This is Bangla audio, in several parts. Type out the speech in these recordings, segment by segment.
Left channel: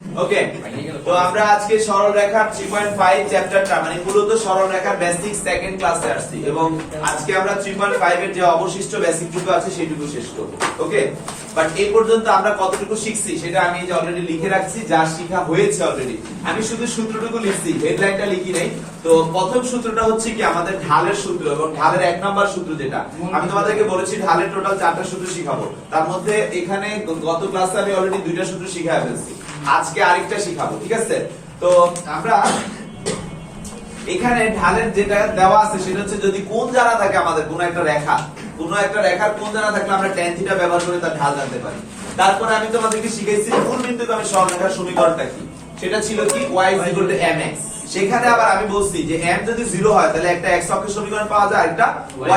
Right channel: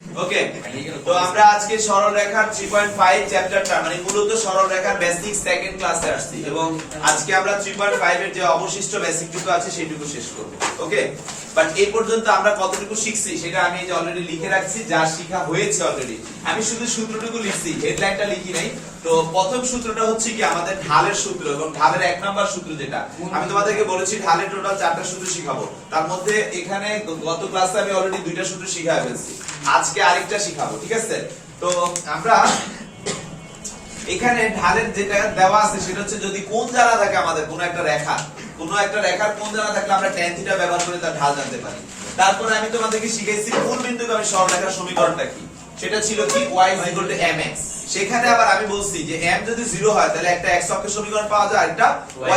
ওকে, তো আমরা আজকে সরলরেখার 3.5 চ্যাপ্টারটা মানে মূলত সরলরেখার বেসিক সেকেন্ড ক্লাসে আসছি এবং আজকে আমরা 3.5 এর যে অবশিষ্ট বেসিকটুকু আছে সেটুকু শেষ করব। ওকে, বাট এই পর্যন্ত আমরা কতটুকু শিখছি সেটা আমি যে অলরেডি লিখে রাখছি, যা শেখা হয়েছে অলরেডি। আমি শুধু সূত্রটুকু লিখছি, হেডলাইনটা লিখি নাই। তো প্রথম সূত্রটা হচ্ছে কি আমাদের ঢালের সূত্র এবং ঢালের 1 নাম্বার সূত্র, যেটা আমি তোমাদেরকে বলেছি ঢালের টোটাল 4টা সূত্র শিখাবো। তার মধ্যে এখানে গত ক্লাসে আমি অলরেডি 2টা সূত্র শিখায় ফেলছি, আজকে আরেকটা শিখাবো। ঠিক আছে, তো আমরা এখানে ঢালের যেটা দেওয়া আছে সেটা হচ্ছে যদি কোণ জানা থাকে আমাদের কোন একটা রেখার কোণ জানা থাকলে আমরা tan থিটা ব্যবহার করে তার ঢাল জানতে পারি। তারপরে আমি তোমাদেরকে শিখাইছি মূল বিন্দুগামী সরলরেখার সমীকরণটা কি, সেটা ছিল কি y mx। সেখানে আবার আমি বলছি যে m যদি 0 হয় তাহলে একটা x অক্ষের সমীকরণ পাওয়া যায়, একটা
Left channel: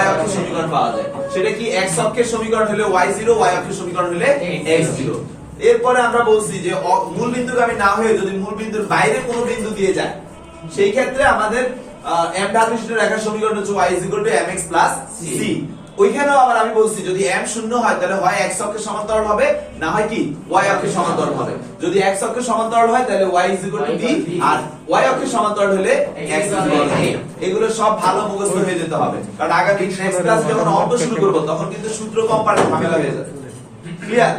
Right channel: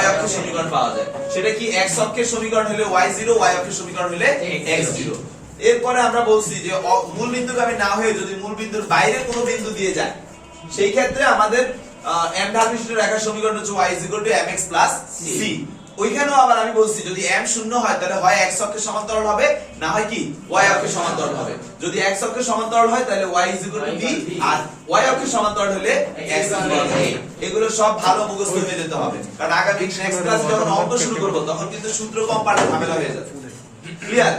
y অক্ষের সমীকরণ পাওয়া যায়। সেটা কি x অক্ষের সমীকরণ হলে y0, y অক্ষের সমীকরণ হলে x0। এরপরে আমরা বলছি যে মূল বিন্দুগামী না হয়ে যদি মূল বিন্দুর বাইরে কোনো বিন্দু দিয়ে যায় সেই ক্ষেত্রে আমাদের m ঢালবিশিষ্ট রেখার সমীকরণ হচ্ছে y mx c। ওইখানেও আবার আমি বলছি যদি m শূন্য হয় তাহলে হয় x অক্ষের সমান্তরাল হবে, না হয় কি y অক্ষের সমান্তরাল হবে। যদি x অক্ষের সমান্তরাল হয় তাহলে y b আর y অক্ষের সমান্তরাল হলে x a। এগুলো সব ভালো মুখস্থ হয়ে যেতে হবে, কারণ আগামী নেক্সট ক্লাস যখন অঙ্ক শুরু করব তখন কিন্তু সূত্র কম পারলে ঝামেলা হয়ে যাবে। ক্লিয়ার?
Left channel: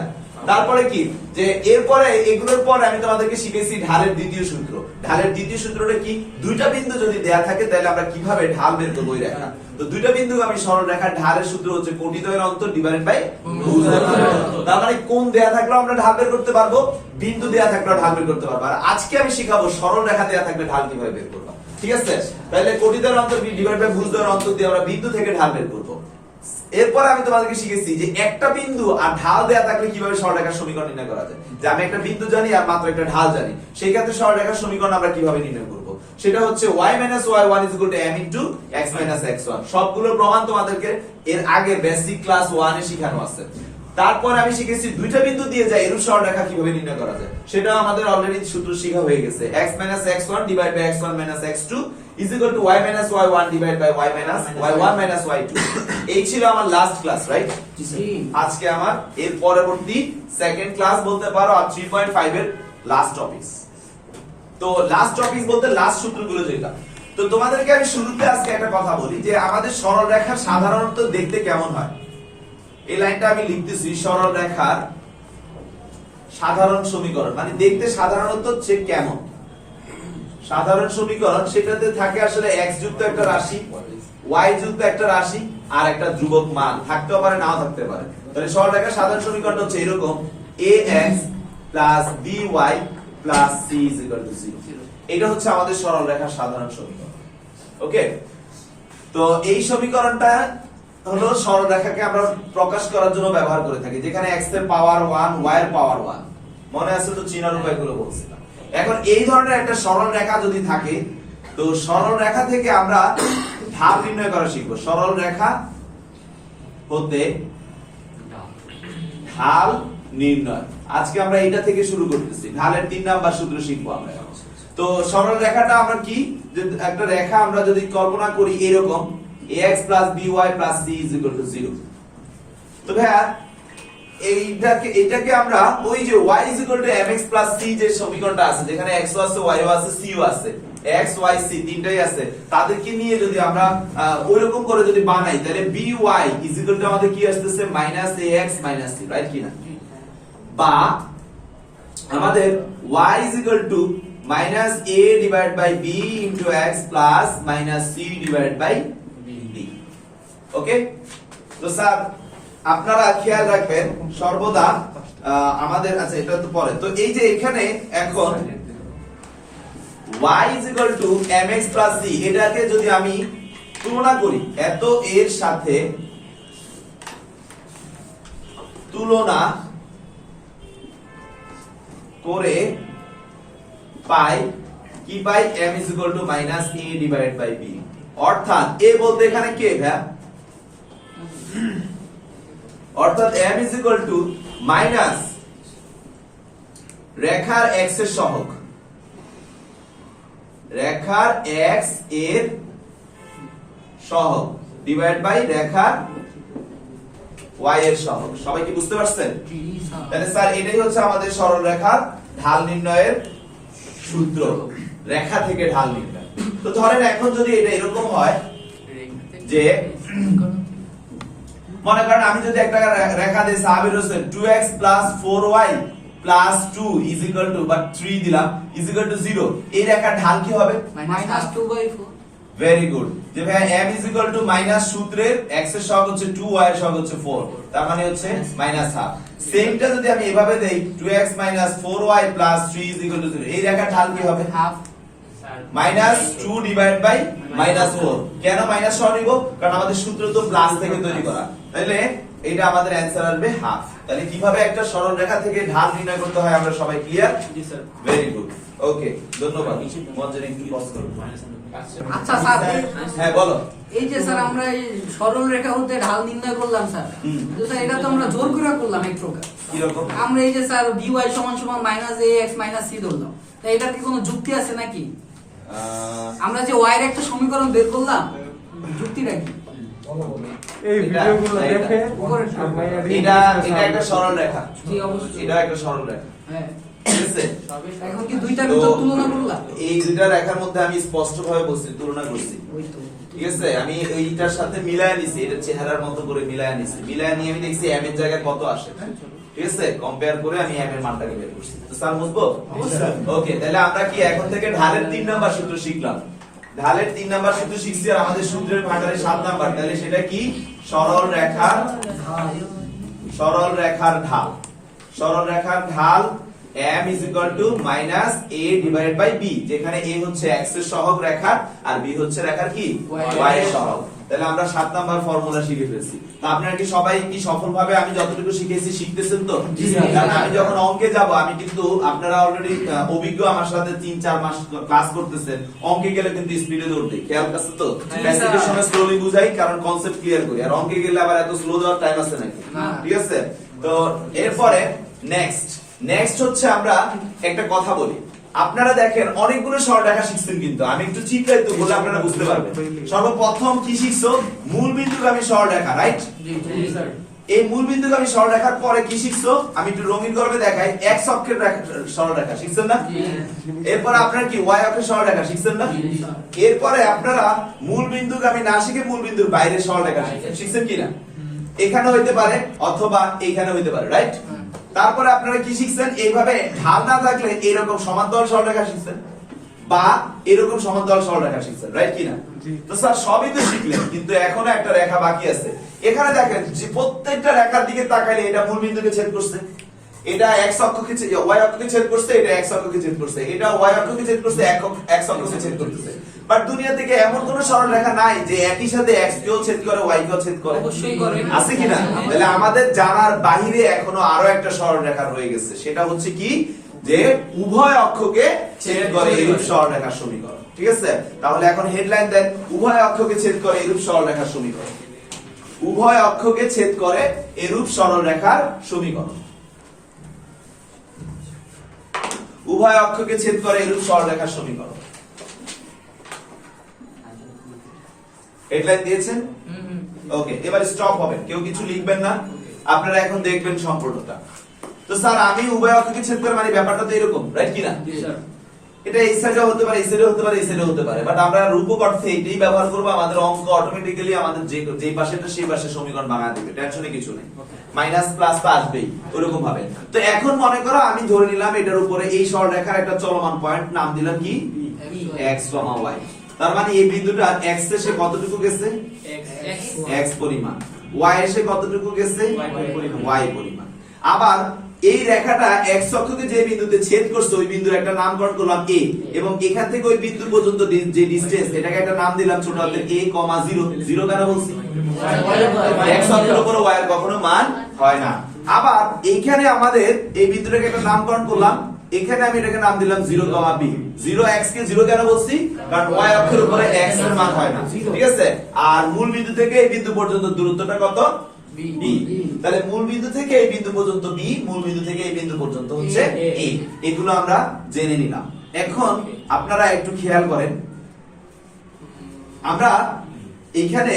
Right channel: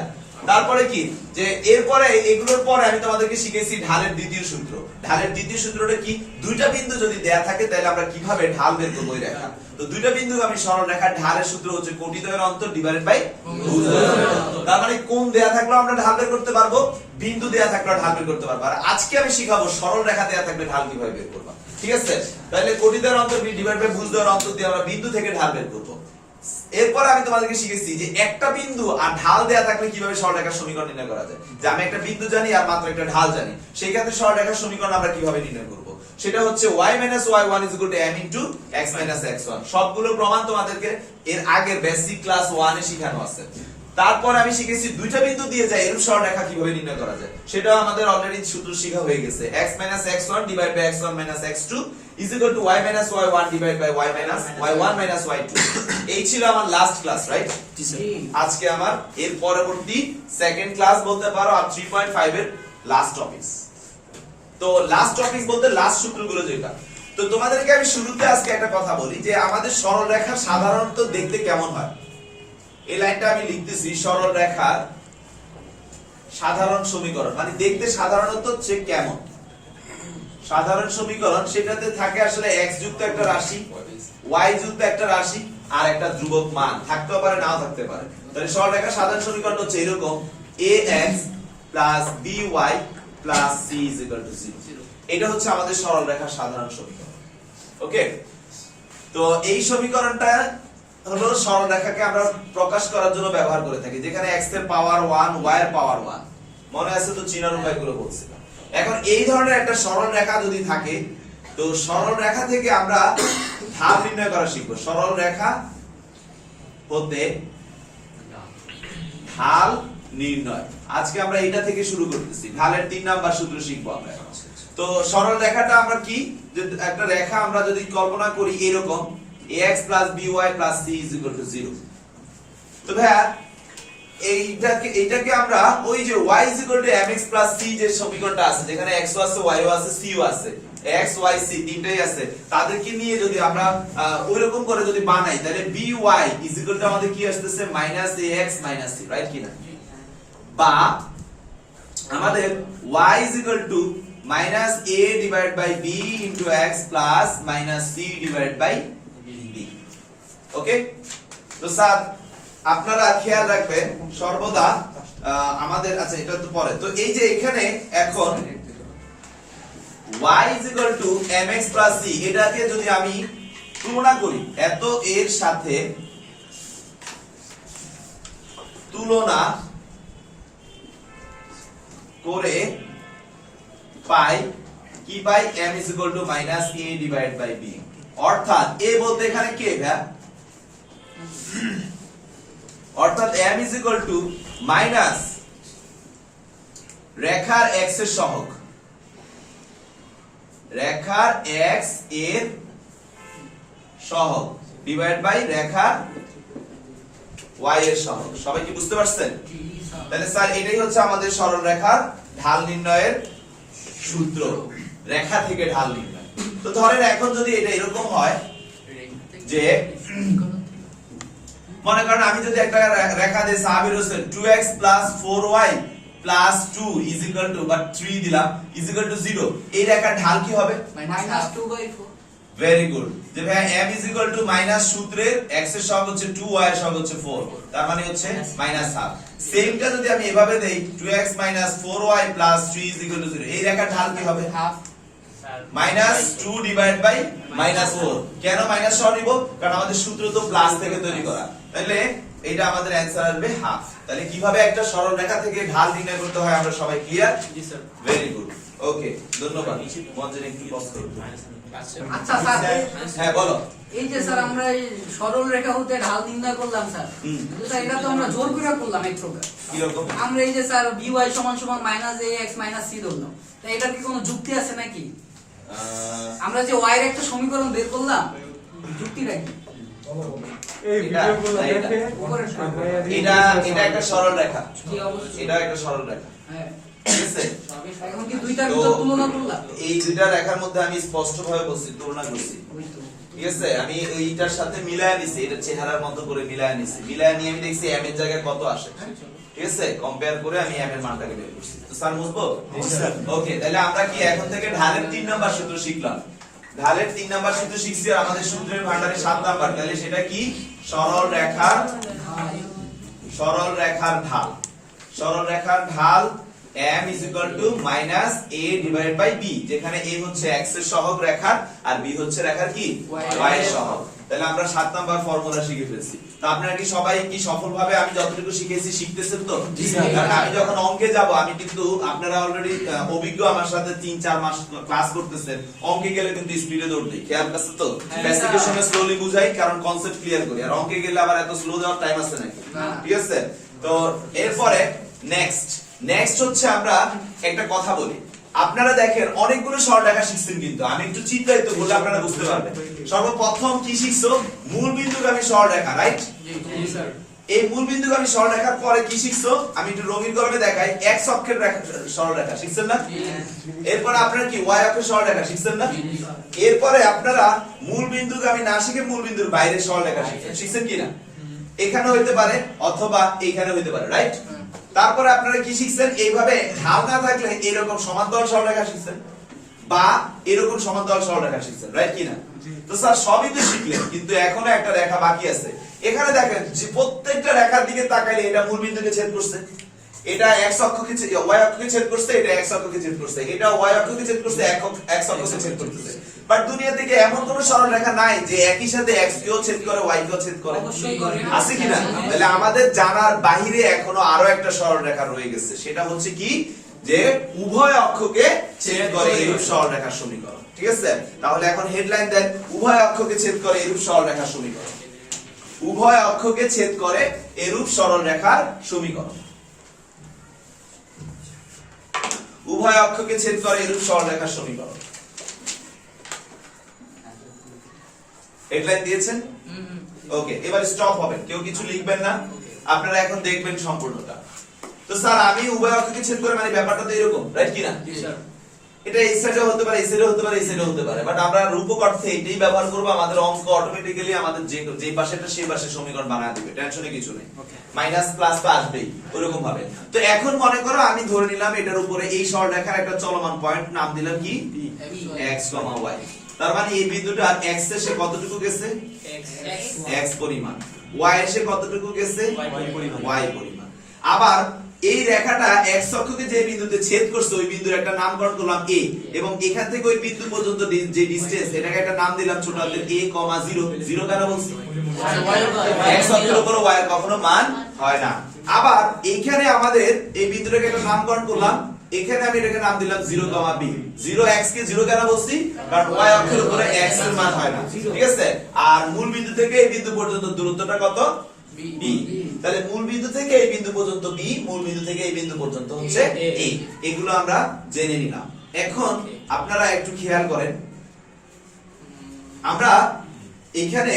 তারপরে কি যে এরপরে এগুলোর পরে আমি তোমাদেরকে শিখেছি ঢালের দ্বিতীয় সূত্র। ঢালের দ্বিতীয় সূত্রটা কি, দুইটা বিন্দু যদি দেয়া থাকে তাহলে আমরা কিভাবে ঢাল বের করব ওই রেখা। তো দুইটা বিন্দুগামী সরলরেখার ঢালের সূত্র হচ্ছে কোটিদ্বয়ের অন্তর ডিভাইডেড বাই ভুজদ্বয়ের অন্তর। তার মানে কোণ দেয়া থাকলেও আমরা ঢাল বের করতে পারবো, বিন্দু দেয়া থাকলেও ঢাল বের করতে পারবো। আর আজকে আমি শিখাবো সরলরেখা দেয়া থাকলে ঢাল কিভাবে বের করব। ঠিক আছে, তাহলে কোটিদ্বয়ের অন্তর ডিভাইড বাই ভুজদ্বয়ের অন্তর দিয়ে আমরা বিন্দু থেকে ঢাল বের করব। এরপর আমি তোমাদেরকে শিখেছি যে একটা বিন্দু আর ঢাল দেয়া থাকলে কিভাবে সরলরেখার সমীকরণ নির্ণয় করা যায়। যে আমি একটা বিন্দু জানি আর মাত্র একটা ঢাল জানি, সেই ক্ষেত্রে সরলরেখার সমীকরণ আমরা কিভাবে নির্ণয় করব, সেটা হচ্ছে y y1 m x x1। সবগুলো প্রমাণ তোমাদেরকে এর আগের বেসিক ক্লাস 1 এ শেখানো আছে। তারপর আমি শিখেছি দুইটা বিন্দু দিয়ে যায় এরূপ সরলরেখা কিভাবে নির্ণয় করা যায়, সেটাও আমাদের অলরেডি সূত্র শেখা হয়ে গেছে। x x1 divide by x1 x2 is equal to y y1 divided by y1 y2। এই ছিল আমার লাস্ট ক্লাস, রাইট? আজকে আমার এর পরবর্তী সেকেন্ড ক্লাস বলতে পারো আর 3.5 এর লাস্ট টপিকস। তো লাস্ট টপিকস বলতে লাস্ট সূত্রগুলো যেটা। তো তোমাদেরকে আমি শুরুতে আজকে একটা কথা বলি যে আমাদের সরলরেখা সাধারণত দেখতে কেমন হয়। এই লাইনটা আমি লিখতেছি, সরলরেখার সাধারণ সমীকরণ মানে দেখতে সাধারণত হচ্ছে কেমন। সাধারণ সমীকরণ সেটাতে থাকে আসলে x যুক্ত একটা রাশি, y যুক্ত একটা রাশি আর একটা ধ্রুবক মান থাকতেও পারে, নাও থাকতে পারে। তাহলে সরলরেখার সাধারণ সমীকরণ হচ্ছে এরকম ax by c = 0। এটা হচ্ছে আমাদের সরলরেখার সাধারণ সমীকরণ। ওকে, তো এই সমীকরণটা হলো সরলরেখাকে আমরা প্রকাশ করার জন্য ব্যবহার করে থাকি, যেখানে x এর পাওয়ার 1 y এর পাওয়ার 1। মনে আছে তো চিনার উপায়গুলো বলছিলাম। এখন এই ধরনের একটা সরল রেখা যদি থাকে তো সরল রেখা থেকে আমরা ঢাল নির্ণয় করা শিখবো। সরল রেখা হতে ঢাল নির্ণয় আজকে আমরা এটা থেকে শুরু করতেছি। ঢালের 3 নাম্বার সূত্র শিখবো আমরা। তো সরল রেখাটা আমরা কি, যে একটা রেখা আমরা যদি কল্পনা করি এরকম ax by c = 0। তো ভাইয়া এইটাকে আমরা ওই যে y mx c যে সমীকরণটা আছে যেখানে x ও আছে y ও আছে c ও আছে, x y c তিনটাই আছে, তাদেরকে নিয়ে যদি আমরা ওইরকম করে যদি বানাই তাহলে by আমাদের কি আসতেছে -ax c, রাইট কি না? বা আমাদের y a divided by b into x plus c divided by b। ওকে, তো স্যার আপনারা খেয়াল রাখবেন সর্বদা আমাদের, আচ্ছা এটা তো পরে। তো এই যে এখানে এখন y mx c এটাকে যদি আমি তুলনা করি, এত এর সাথে তুলনা করে পাই কি পাই, m a divided by b। অর্থাৎ a বলতে এখানে কে ভাই? অর্থাৎ m মাইনাস রেখার x এর সহগ, রেখার x এর সহগ ডিভাইড বাই রেখার y এর সহগ। সবাই কি বুঝতে পারছেন? তাহলে স্যার এটাই হচ্ছে আমাদের সরলরেখার ঢাল নির্ণয়ের সূত্র, রেখা থেকে ঢাল নির্ণয়। তো ধরেন এখন যদি এটা এরকম হয় যে মনে করেন আমি যদি একটা রেখা দিই Sabir Hossain 2x 4y 2 is equal to বা 3 দিলাম is equal to 0, এই রেখার ঢাল কি হবে? -2/4। Very good. যে ভাই m is equal to minus সূত্রের x এর সহগ হচ্ছে 2, y এর সহগ হচ্ছে 4, তার মানে হচ্ছে -1/2। সেমটা যদি আমি এভাবে দেই 2x 4y 3 is equal to 0, এই রেখার ঢাল কি হবে? -2 ডিভাইড বাই -4। কেন মাইনাস সহ নিব? কারণ আমাদের সূত্র তো প্লাস থেকে তৈরি করা, তাহলে এটা আমাদের অ্যানসার আসবে হাফ। তাহলে কিভাবে একটা সরল রেখা থেকে ঢাল নির্ণয় করতে হয় আমরা সবাই ক্লিয়ার? জি স্যার। ভেরি গুড, ওকে, ধন্যবাদ। মঞ্জুরি কি পজ করব? আচ্ছা স্যার, হ্যাঁ বলো। এই যে স্যার আমরা এই সরল রেখা হতে ঢাল নির্ণয় করলাম স্যার, কিন্তু স্যার এটা তো আমরা জোর করে করলাম এক প্রকার। কি রকম? আমরা এই যে স্যার by = -ax - c ধরলাম, তাই এটার কি কোনো যুক্তি আছে নাকি? আমরা যে y এর একটা সমীকরণ বের করলাম, যুক্তিটা কি? এটা একটা সরল রেখা, এটা একটা সরল রেখা, হ্যাঁ ঠিক আছে? এখন কি দুইটার ভিতর তুলনা করলাম? এই দুইটা রেখার মধ্যে আমি স্পষ্টভাবে বলছি, তুলনা করছি, ওই তো ঠিক আছে? আমি এইটার সাথে মিলায় নিছি, এটা চেহারার মতো করে মিলায় নিছি, মিলায় নিয়ে আমি দেখছি m এর জায়গায় কত আসে, ঠিক আছে? কম্পেয়ার করে আমি m এর মানটাকে বের করছি। তো স্যার বুঝবো? ওকে, তাহলে আমরা কি এখন থেকে ঢালের 3 নাম্বার সূত্র শিখলাম। ঢালের 3 নাম্বার সূত্র শিখছি, আর আমাদের সূত্রের ভান্ডারে 7 নাম্বার। তাহলে সেটা কি? সরল রেখার ঢাল। সরল রেখার ঢাল m is equal to -a divided by b, যেখানে a হচ্ছে x এর সহগ রেখার আর b হচ্ছে রেখার কি? y এর সহগ। তাহলে আমরা 7 নাম্বার ফর্মুলা শিখে ফেলছি। তো আপনারা কি সবাই কি সফলভাবে আমি যতটুকু শিখেছি শিখতেছেন তো? কারণ আমি যখন অঙ্কে যাব, আমি কিন্তু আপনারা অলরেডি অভিজ্ঞ, আমার সাথে 3-4 মাস ক্লাস করতেছেন, অঙ্কে গেলে কিন্তু স্পিডে দৌড়বে, খেয়াল আছে তো? ক্লাসিফিকেশনে স্লোলি বুঝাই, কারণ কনসেপ্ট ক্লিয়ার করি, আর অঙ্কে গেলে আবার এত স্লো যাওয়ার টাইম আছে নাকি? ঠিক আছে? তো এরপরে নেক্সট হচ্ছে আমরা একটা কথা বলি। আপনারা দেখেন অনেকগুলো সরলরেখা শিখছেন, কিন্তু আমি একটু চিত্রায়িত বলে আপনারা বুঝতে পারবেন। সর্বপ্রথম কি শিখছো? মূল বিন্দুগামী সরলরেখা, রাইট? জি স্যার। এই মূল বিন্দুগামী সরলরেখার পরে কি শিখছো? আমি একটু রঙিন কলমে দেখাই, x অক্ষের সরলরেখা শিখছেন না? এরপর আপনারা কি y অক্ষের সরলরেখা শিখছেন না? এরপরে আপনারা মূল বিন্দুগামী না শিখে মূল বিন্দুর বাইরে সরলরেখা শিখছেন কিনা? এখানে হইতে পারে অথবা এইখানে হইতে পারে, রাইট? তারপরে আপনারা কি শিখছেন? এইভাবে ঢাল না থাকলে এরকম সমান্তরাল সরলরেখা শিখছেন, বা এরকম সমান্তরাল সরলরেখা শিখছেন, রাইট কিনা? তো স্যার সবই তো শিখলেন, কিন্তু এখনো একটা রেখা বাকি আছে। এখানে দেখেন যে প্রত্যেকটা রেখার দিকে তাকাইলে এটা মূল বিন্দুকে ছেদ করছে, এটা x অক্ষকে y অক্ষকে ছেদ করছে, এটা x অক্ষকে ছেদ করছে, এটা y অক্ষকে ছেদ করছে, x অক্ষকে ছেদ করতেছে। বাট দুনিয়া থেকে এমন কোন সরল রেখা নাই যে একই সাথে x কেও ছেদ করে y কেও ছেদ করে, অবশ্যই করে। আছে কিনা? তাহলে আমাদের জানার বাইরে এখনো আরো একটা সরল রেখা রয়ে গেছে, সেটা হচ্ছে কি? যে উভয় অক্ষকে ছেদ করে এরূপ সরলরেখার সমীকরণ, ঠিক আছে? তাহলে এখন হেডলাইন দেন, উভয় অক্ষকে ছেদ করে এরূপ সরলরেখার সমীকরণ। উভয় অক্ষকে ছেদ করে এরূপ সরলরেখার সমীকরণ। উভয় অক্ষকে ছেদ করে এরূপ সরলরেখার সমীকরণ। হেডলাইন দিয়েছেন? ওকে, এবার স্টপ হবেন, কেউ কিছু লিখবেন না, আপনারা এখন দেখবেন সম্পূর্ণটা। তো স্যার আমি উভয় অক্ষকে ছেদ করে, মানে ব্যাপারটা তো এরকম, রাইট কিনা? জি স্যার। এটা এই সাইডে হতে পারে, এই সাইডে হতে পারে, এই সাইডে হতে পারে, বাট আমরা রূপক অর্থে এটাই ব্যবহার করব। আমাদের অঙ্ক অটোমেটিক্যালি আমাদের যে পাশেটা সেই পাশে সমীকরণ বানায় দিবে, টেনশনে কিছু নেই। মাইনাস প্লাস তো আসবেই ওরকম ভাবে। তো এখন মনে করো আমি ধরে নিলাম এটার উপরে এই সরলরেখার একটা চলমান পয়েন্ট, নাম দিলাম কি? x, y। তার মানে এই বিন্দুটা x এসে কতটুকু গেছে? x পরিমাণ। y এসে কতটুকু গেছে? y পরিমাণ। আবার এই রেখাটা x অক্ষকে যে বিন্দুতে ছেদ করছে ওই বিন্দুর একটা নামকরণ করলাম a, এবং এখান থেকে ওই বিন্দু পর্যন্ত যে ডিসটেন্স, এটাকে একটা নাম দিলাম ছোট হাতের a, 0। 0 কেন বলছি? x অক্ষের উপর y এর কখনো মান হয় না। আবার এইখানে আমাদের এই বিন্দুটাকে একটা নামকরণ করলাম, এখানে আমি এটাকে নাম দিলাম 0, b। 0x কে 0 কেন বলছি? কারণ y অক্ষের উপরে x এর মান হয় না, ঠিক আছে? আর মূল বিন্দু থেকে এই বিন্দু পর্যন্ত দূরত্বটা কত? b। তাহলে মূল বিন্দু থেকে এই বিন্দু পর্যন্ত b, মূল বিন্দু থেকে এই বিন্দু পর্যন্ত হচ্ছে a। এগুলো আমরা জেনে নিলাম। এখন আপনারা একটু খেয়াল করেন, আমরা এখানে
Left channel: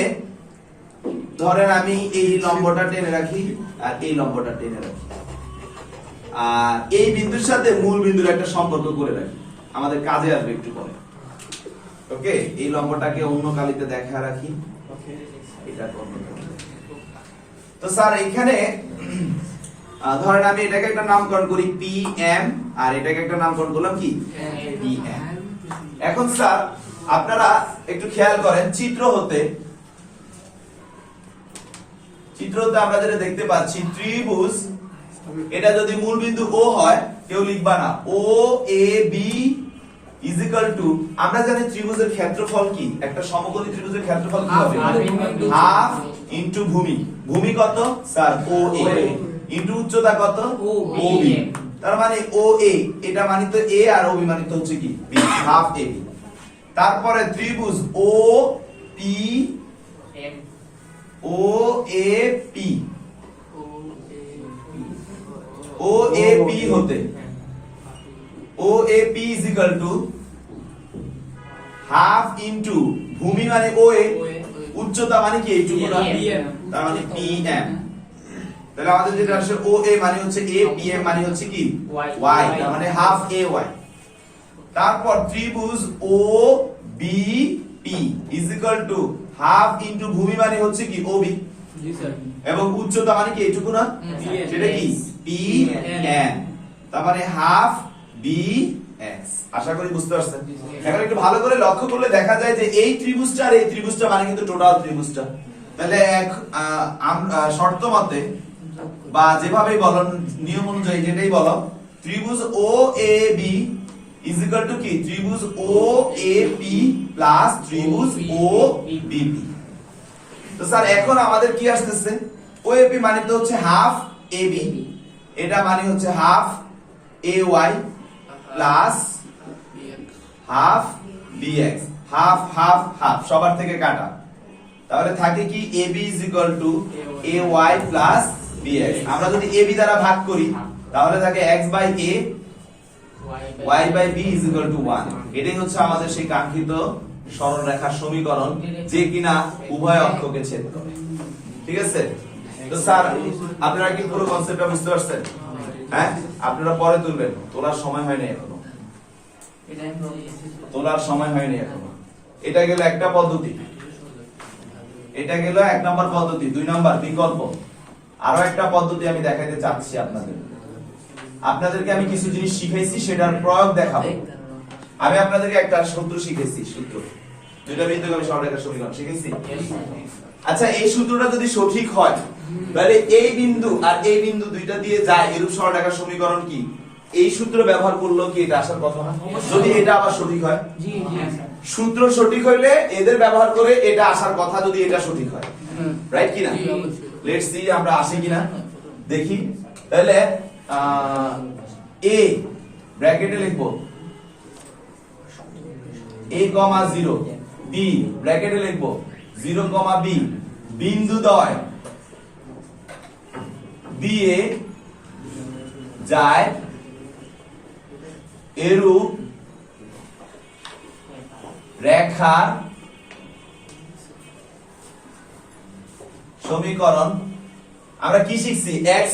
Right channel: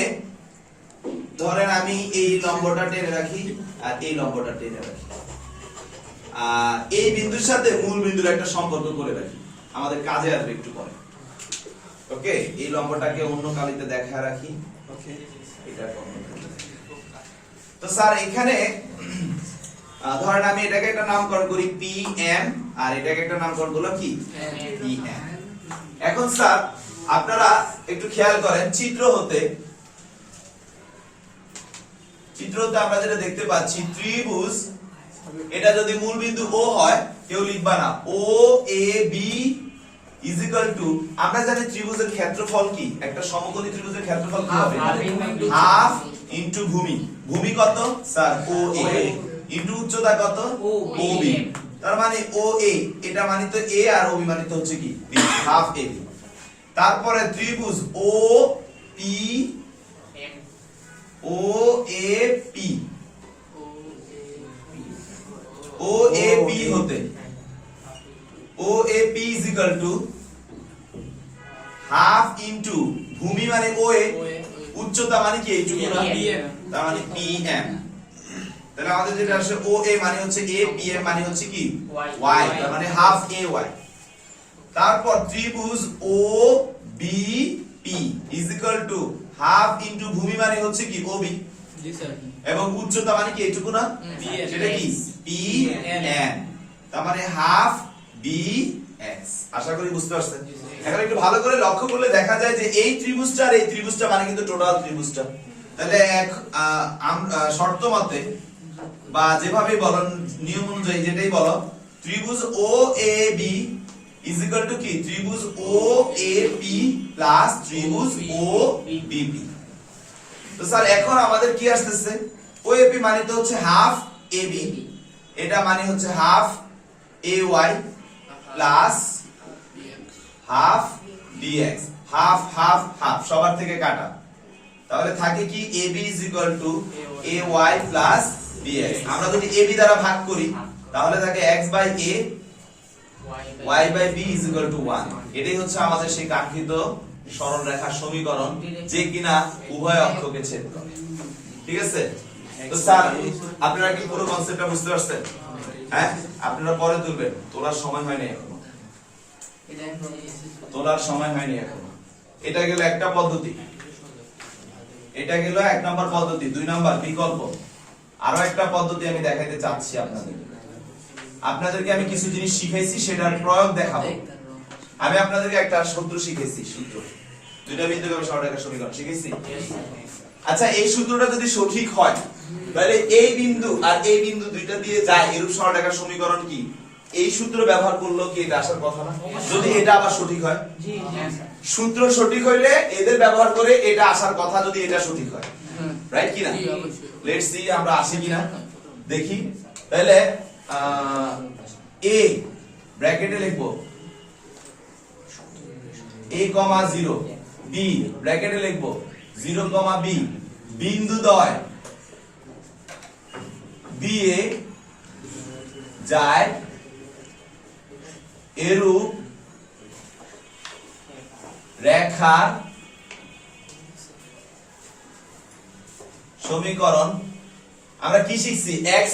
ধরেন আমি এই লম্বটা টেনে রাখি আর এই লম্বটা টেনে রাখি, এই বিন্দুর সাথে মূল বিন্দুর একটা সম্পর্ক করে রাখি, আমাদের কাজে আসবে একটু পরে। ওকে, এই লম্বটাকে অন্য কালিতে দেখা রাখি, এটা অন্য কালিতে। তো স্যার এখানে ধরেন আমি এটাকে একটা নামকরণ করি পি এম, আর এটাকে একটা নামকরণ করলাম কি পি এম। এখন স্যার আপনারা একটু খেয়াল করেন, চিত্রতে আমরা যেটা দেখতে পাচ্ছি, ত্রিভুজ, এটা যদি মূল বিন্দু ও হয়, কেউ লিখবা না, ও এ বি ইজ ইকুয়াল টু, আমরা জানি ত্রিভুজের ক্ষেত্রফল কি, একটা সমকোণী ত্রিভুজের ক্ষেত্রফল কি হবে, হাফ ইনটু ভূমি। ভূমি কত স্যার, ও এ, ইনটু উচ্চতা কত, ও বি। তার মানে ও এ, এটা মানিত এ, আর ও বি মানিত হচ্ছে কি বি, হাফ এ বি। তারপরে ত্রিভুজ O P, O A P, O A P হতে, O A P is equal to half into ভূমি মানে ও এ, উচ্চতা মানে কি এইটুকু না, তার মানে পি এম। তাহলে আমাদের যেটা আসলে ও এ মানে হচ্ছে এ, পি এম মানে হচ্ছে কি ওয়াই, তার মানে হাফ এ ওয়াই। তারপর ত্রিভুজ O B P is equal to half into ভূমি মানে হচ্ছে কি ও বি, এবং উচ্চতা মানে কি এইটুকু না, সেটা কি পি এন, তার মানে হাফ বি এক্স। আশা করি বুঝতে পারছেন। এখন একটু ভালো করে লক্ষ্য করলে দেখা যায় যে এই ত্রিভুজটা আর এই ত্রিভুজটা মানে কিন্তু টোটাল ত্রিভুজটা। তাহলে এক শর্ত মতে বা যেভাবে বলো, নিয়ম অনুযায়ী যেটাই বলো, ত্রিভুজ ও এ বি ইজ ইকুয়াল টু কি, ত্রিভুজ ও এ পি প্লাস ত্রিভুজ ও বি পি। তো স্যার এখন আমাদের কি আসতেছে, ও এ পি মানে তো হচ্ছে হাফ এ বি, এটা মানে হচ্ছে half A Y plus half B X, half half half সবার থেকে কাটা, তাহলে থাকে কি A B is equal to A Y plus B X. আমরা যদি এ বি দ্বারা ভাগ করি তাহলে থাকে X by A, y by b is equal to 1। এটাই হচ্ছে আমাদের সেই কাঙ্ক্ষিত সরলরেখার সমীকরণ, যে কিনা উভয় অক্ষকে ছেদ করে। ঠিক আছে? তো স্যার আপনারা কি পুরো কনসেপ্টটা বুঝতে পারছেন? হ্যাঁ, আপনারা পরে তুলবেন, তোলার সময় হয়নি এখনো, তোলার সময় হয়নি এখনো। এটা গেল একটা পদ্ধতি, এটা গেল এক নম্বর পদ্ধতি। দুই নম্বর বিকল্প, আরো একটা পদ্ধতি আমি দেখাইতে চাচ্ছি আপনাদেরকে আমি কিছু জিনিস শিখাইছি, সেটার প্রয়োগ দেখাবো। আমি আপনাদেরকে একটা সূত্র শিখেছি, সূত্র দুইটা বিন্দুগামী সরলরেখার সমীকরণ শিখেছি। আচ্ছা, এই সূত্রটা যদি সঠিক হয় তাহলে এই বিন্দু আর এই বিন্দু দুইটা দিয়ে যায় এরূপ সরলরেখার সমীকরণ কি, এই সূত্র ব্যবহার করলেও কি এটা আসার কথা না? যদি এটা আবার সঠিক হয়, সূত্র সঠিক হইলে এদের ব্যবহার করে এটা আসার কথা, যদি এটা সঠিক হয়, রাইট কিনা? লেটস সি আমরা আসে কিনা দেখি। তাহলে a ব্র্যাকেটে লিখবো a, 0, b ব্র্যাকেটে লিখবো 0, b, বিন্দুদ্বয় দিয়ে যায় এরূপ রেখার সমীকরণ। আমরা কি শিখছি, x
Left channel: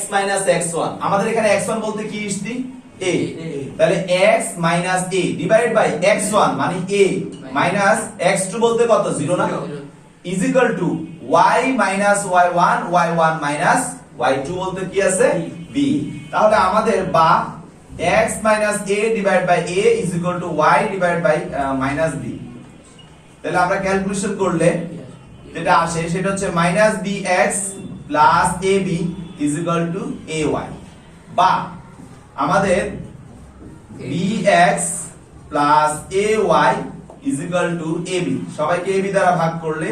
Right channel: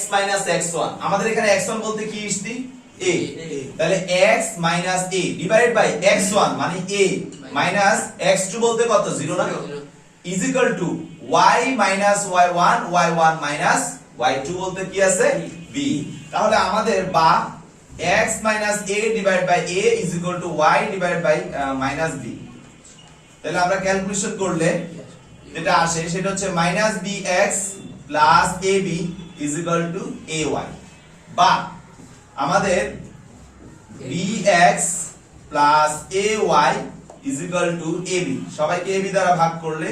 x1, আমাদের এখানে x1 বলতে কি শিখছি, a, তাহলে x a divided by x1 মানে a মাইনাস x2 বলতে কত 0 না, is equal to y y1 y1 y2 বলতে কি আছে b। তাহলে আমাদের বা x a divided by a is equal to y divided by b। তাহলে আমরা ক্যালকুলেশন করলে যেটা আসে সেটা হচ্ছে -bx plus ab is equal to ay, বা আমাদের bx plus ay is equal to ab, সবাইকে ab দ্বারা ভাগ করলে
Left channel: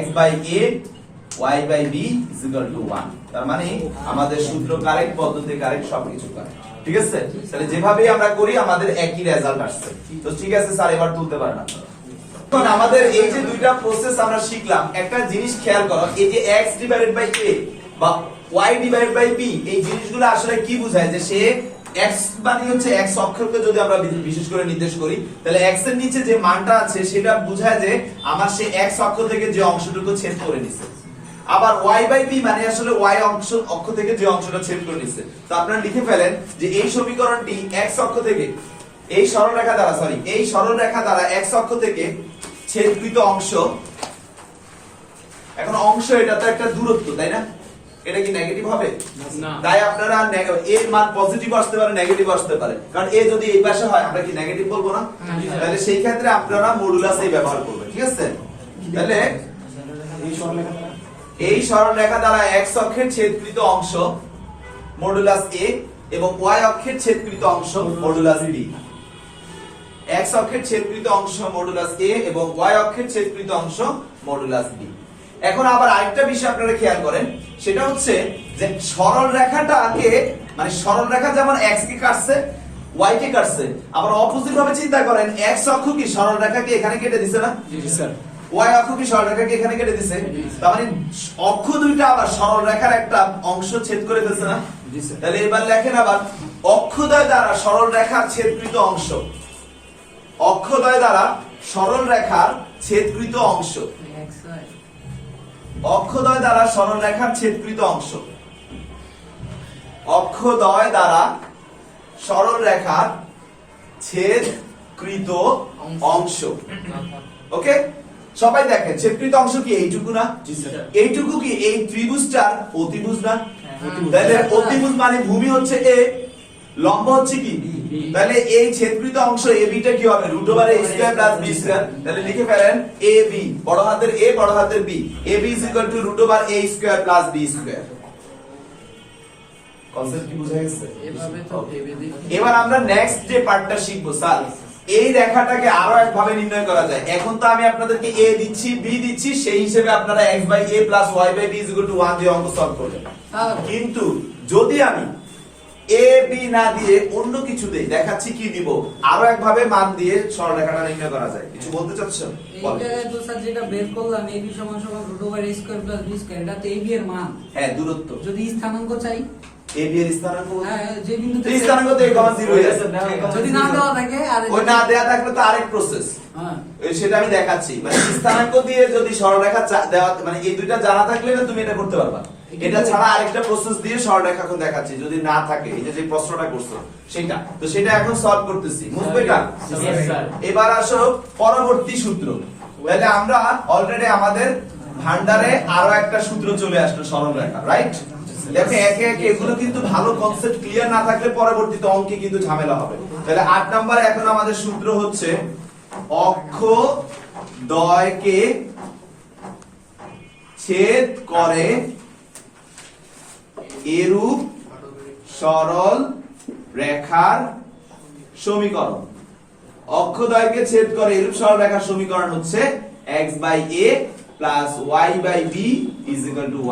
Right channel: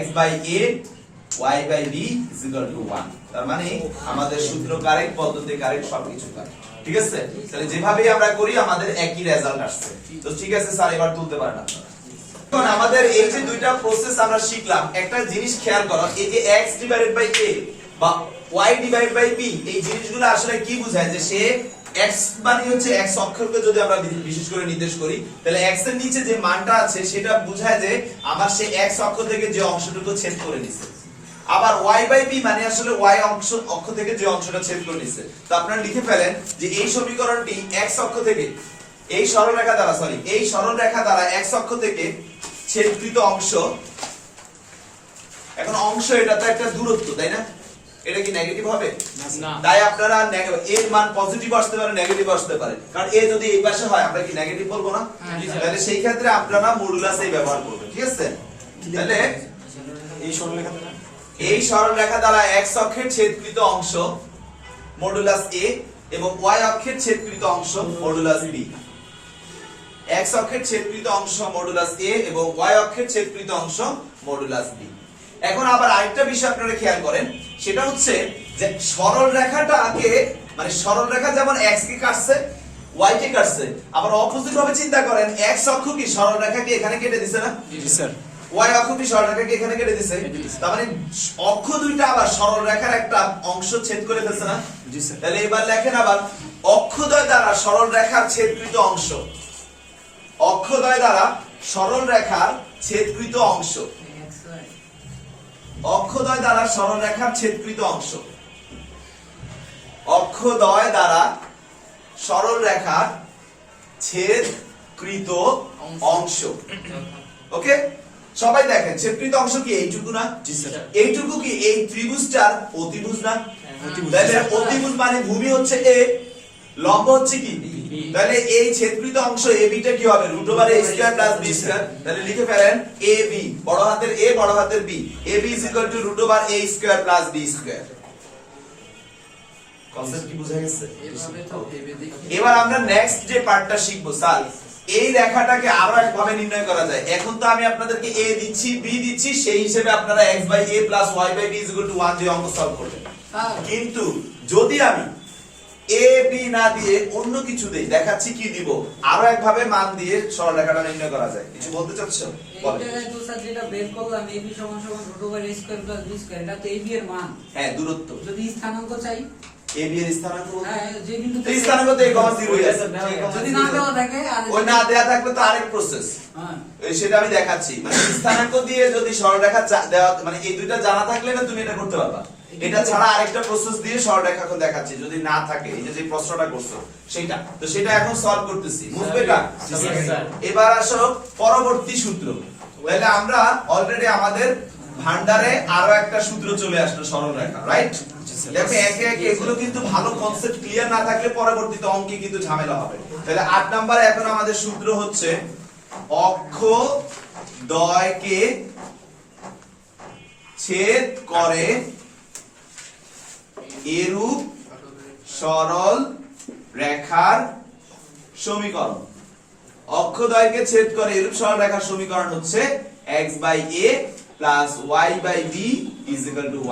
x by a y by b is equal to 1। তার মানে আমাদের সূত্র কারেক্ট, পদ্ধতি কারেক্ট, সবকিছু কারেক্ট। ঠিক আছে? তাহলে যেভাবে আমরা করি আমাদের একই রেজাল্ট আসছে। তো ঠিক আছে স্যার, এবার তুলতে পারেন আপনারা। এখন আমাদের এই যে দুইটা প্রসেস আমরা শিখলাম, একটা জিনিস খেয়াল করো, এই যে x ডিভাইডেড বাই a বা y ডিভাইডেড বাই b, এই জিনিসগুলো আসলে কি বোঝায়, যে সে x মানে হচ্ছে x অক্ষরকে যদি আমরা বিশেষ করে নির্দেশ করি, তাহলে x এর নিচে যে মানটা আছে সেটা বোঝায় যে আমার সে x অক্ষ থেকে যে অংশটুকু ছেদ করে নিছে। আবার y/b মানে আসলে y অক্ষ থেকে যে অংশটা ছেদ করে নিচ্ছে। তো আপনারা লিখে ফেলেন যে এই সমীকরণটি x অক্ষ থেকে এই সরলরেখা দ্বারা x অক্ষ থেকে ছেদকৃত অংশ, এখন অংশ এটা তো একটা দূরত্ব, তাই না? এটা কি নেগেটিভ হবে না? তাই আপনারা এর মান পজিটিভ আসতে পারে, নেগেটিভ আসতে পারে, কারণ এ যদি এই পাশে হয় আমরা কি নেগেটিভ বলবো না? তাহলে সেই ক্ষেত্রে আপনারা মডুলাস এই ব্যবহার করবেন, ঠিক আছে? তাহলে এই সরলরেখা দ্বারা x অক্ষের ছেদকৃত অংশ মডুলাস a এবং y অক্ষের ছেদকৃত অংশ মডুলাস b। x অক্ষের ছেদকৃত অংশ মডুলাস a এবং y অক্ষের ছেদকৃত অংশ মডুলাস b। এখন আবার আরেকটা বিষয় আপনারা খেয়াল করেন, সেটা হচ্ছে যে সরল রেখাটাকে মানে সরল রেখা যেমন x কে কাটছে y কে কাটছে, আবার অপোজিট ভাবে চিন্তা করেন x অক্ষ কি সরল রেখাকে এখানে কেটে দিছে না? জি স্যার। y অক্ষ কি সরল রেখাকে এখানে কেটে দিছে? তার মানে অক্ষ দুইটা আবার সরল রেখার একটা অংশ ছেদ করে ফেলছে না? জি স্যার। তাহলে এবার লেখেন আবার অক্ষদ্বয় দ্বারা সরল রেখার ছেদকৃত অংশ, অক্ষদ্বয় দ্বারা সরল রেখার ছেদকৃত অংশ, অক্ষদ্বয় দ্বারা সরল রেখার ছেদকৃত অংশ, অক্ষদ্বয় দ্বারা সরল রেখার ছেদকৃত অংশ। ওকে, সবাই দেখেন ছেদকৃত অংশ কি এইটুকু না? জি স্যার। এইটুকু কি এই ত্রিভুজটার অতিভুজ না? তাহলে অতিভুজ মানে ভূমি হচ্ছে a, লম্ব হচ্ছে কি? তাহলে এই ছেদকৃত অংশ AB টা কি হবে? √a² + b²। তাহলে লিখে ফেলেন AB, বড় হাতের A বড় হাতের B, AB √a² + b²। Concept কি বুঝা গেছে? এভাবে তো ভেবে দেখি। এবার আমরা নেক্সট যে পার্টটা শিখবো, স্যার এই রেখাটাকে আরো এক ভাবে নির্ণয় করা যায়। এখন তো আমি আপনাদেরকে a দিচ্ছি, b দিচ্ছি, সেই হিসেবে আপনারা x/a + y/b = 1 দিয়ে অঙ্ক সলভ করবেন। কিন্তু যদি আমি a b না দিয়ে অন্য কিছু দেই, দেখাচ্ছি কি দিব, আরো এক ভাবে মান দিয়ে সরলরেখাটা নির্ণয় করা যায়। কিছু বলতে চাচ্ছো? বল। এইটা তো স্যার যেটা বের করলাম ab = √a² + b² এটা তো ab এর মান। হ্যাঁ, দূরত্ব। যদি স্থানাঙ্ক চাই ab এর স্থানাঙ্ক হ্যাঁ, যে বিন্দুতে স্থানাঙ্ক তো a, 0 হয়ে আছে। যদি না দেওয়া থাকে আর ওই না দেয়া থাকলে তো আরেক প্রসেস, হ্যাঁ সেটা আমি দেখাচ্ছি। মানে স্থানাঙ্ক দিয়ে যদি সরলরেখা দেওয়া, মানে এই দুইটা জানা থাকলে না তুমি এটা করতে পারবা। এটা ছাড়া আরেকটা প্রসেস দিয়ে সরলরেখা এখন দেখাচ্ছি, যদি না থাকে এই যে প্রশ্নটা করছো সেটা, তো সেটা এখন সলভ করতেছি। বুঝবে না? এবার আসো পরবর্তী সূত্র। তাহলে আমরা অলরেডি আমাদের ভান্ডারে আরো একটা সূত্র চলে আসলো সরলরেখা, রাইট? দেখো একে একে এগুলো কিন্তু ভালো কনসেপ্ট ক্লিয়ার না থাকলে পরবর্তীতে অঙ্কে কিন্তু ঝামেলা হবে। তাহলে 8 নম্বরে এখন আমাদের সূত্র হচ্ছে অক্ষদ্বয়কে ছেদ করে এরূপ সরল রেখার সমীকরণ। অক্ষদ্বয়কে ছেদ করে এরূপ সরল রেখার সমীকরণ হচ্ছে x/a + y/b =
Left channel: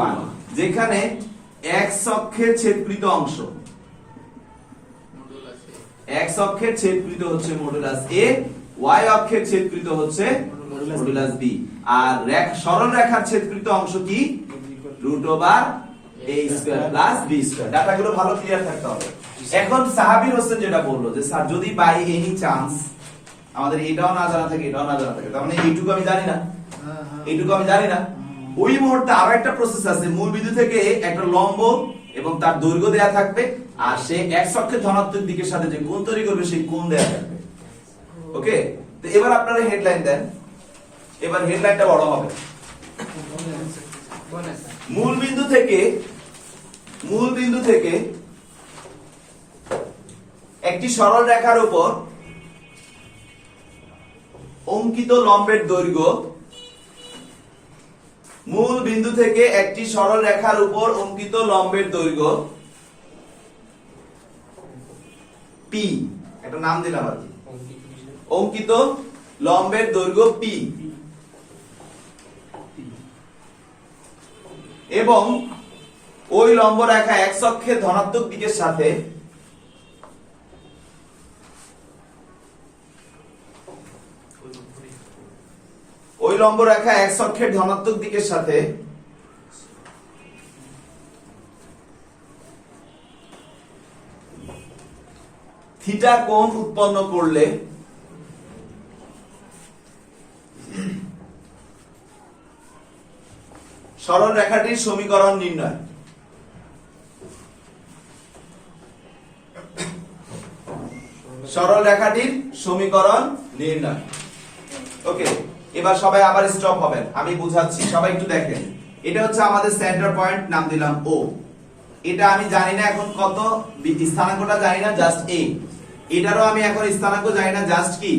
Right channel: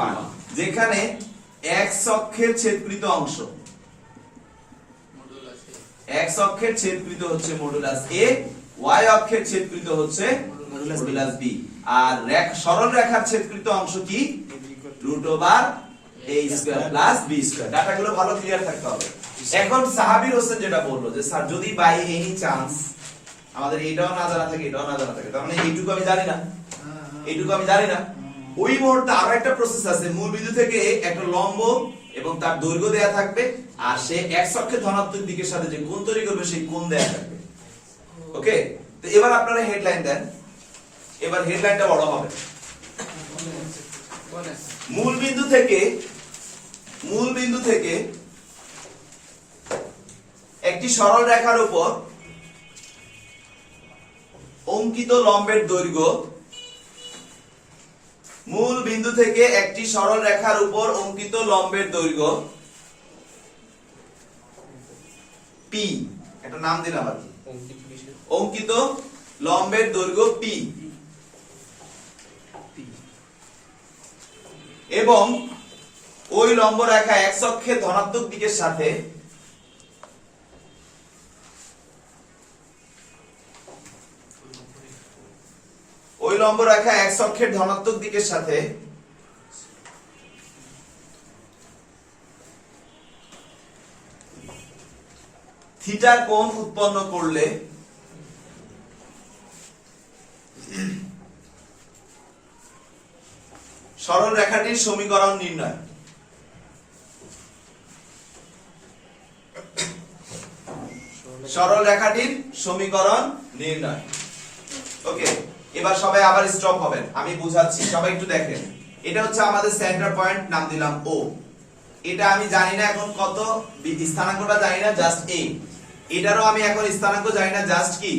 1, যেখানে x অক্ষের ছেদকৃত অংশ, x অক্ষের ছেদকৃত হচ্ছে মডুলাস a, y অক্ষের ছেদকৃত হচ্ছে মডুলাস b, আর সরল রেখার ছেদকৃত অংশ কি? √a² + b²। ডাটাগুলো ভালো ক্লিয়ার থাকতে হবে। এখন সাহাবীর হোসেন যেটা বললো যে স্যার যদি বাই এনি চান্স আমাদের এটাও না জানা থাকে, এটাও না জানা থাকে, তার মানে এইটুকু আমি জানি না, এইটুকু আমি জানি না, ওই মুহূর্তে আরো একটা প্রসেস আছে। মূল বিন্দু থেকে একটা লম্ব এবং তার দৈর্ঘ্য দেয়া থাকবে, আর সে x অক্ষের ধনাত্মক দিকের সাথে যে কোণ তৈরি করবে সেই কোণ দেয়া থাকবে। ওকে, তো এবার আপনারা হেডলাইন দেন। এবার হেডলাইনটা বড় হবে। মূল বিন্দু থেকে একটি সরল রেখার উপর অঙ্কিত লম্বের দৈর্ঘ্য, মূল বিন্দু থেকে একটি সরল রেখার উপর অঙ্কিত লম্বের দৈর্ঘ্য p, একটা নাম দিলাম আর কি, অঙ্কিত লম্বের দৈর্ঘ্য p, এবং ওই লম্ব রেখা x অক্ষের ধনাত্মক দিকের সাথে ওই লম্ব রেখা x অক্ষের ধনাত্মক দিকের সাথে থিটা কোণ উৎপন্ন করলে সরল রেখাটির সমীকরণ নির্ণয়। সরল রেখাটির সমীকরণ নির্ণয়। ওকে, এবার সবাই আবার স্টপ হবেন, আমি বুঝাচ্ছি, সবাই একটু দেখেন। এটা হচ্ছে আমাদের সেন্টার পয়েন্ট, নাম দিলাম ও। এটা আমি জানি না এখন কত, স্থানাঙ্কটা জানি না, জাস্ট এ। এটারও আমি এখন স্থানাঙ্ক জানি না, জাস্ট কি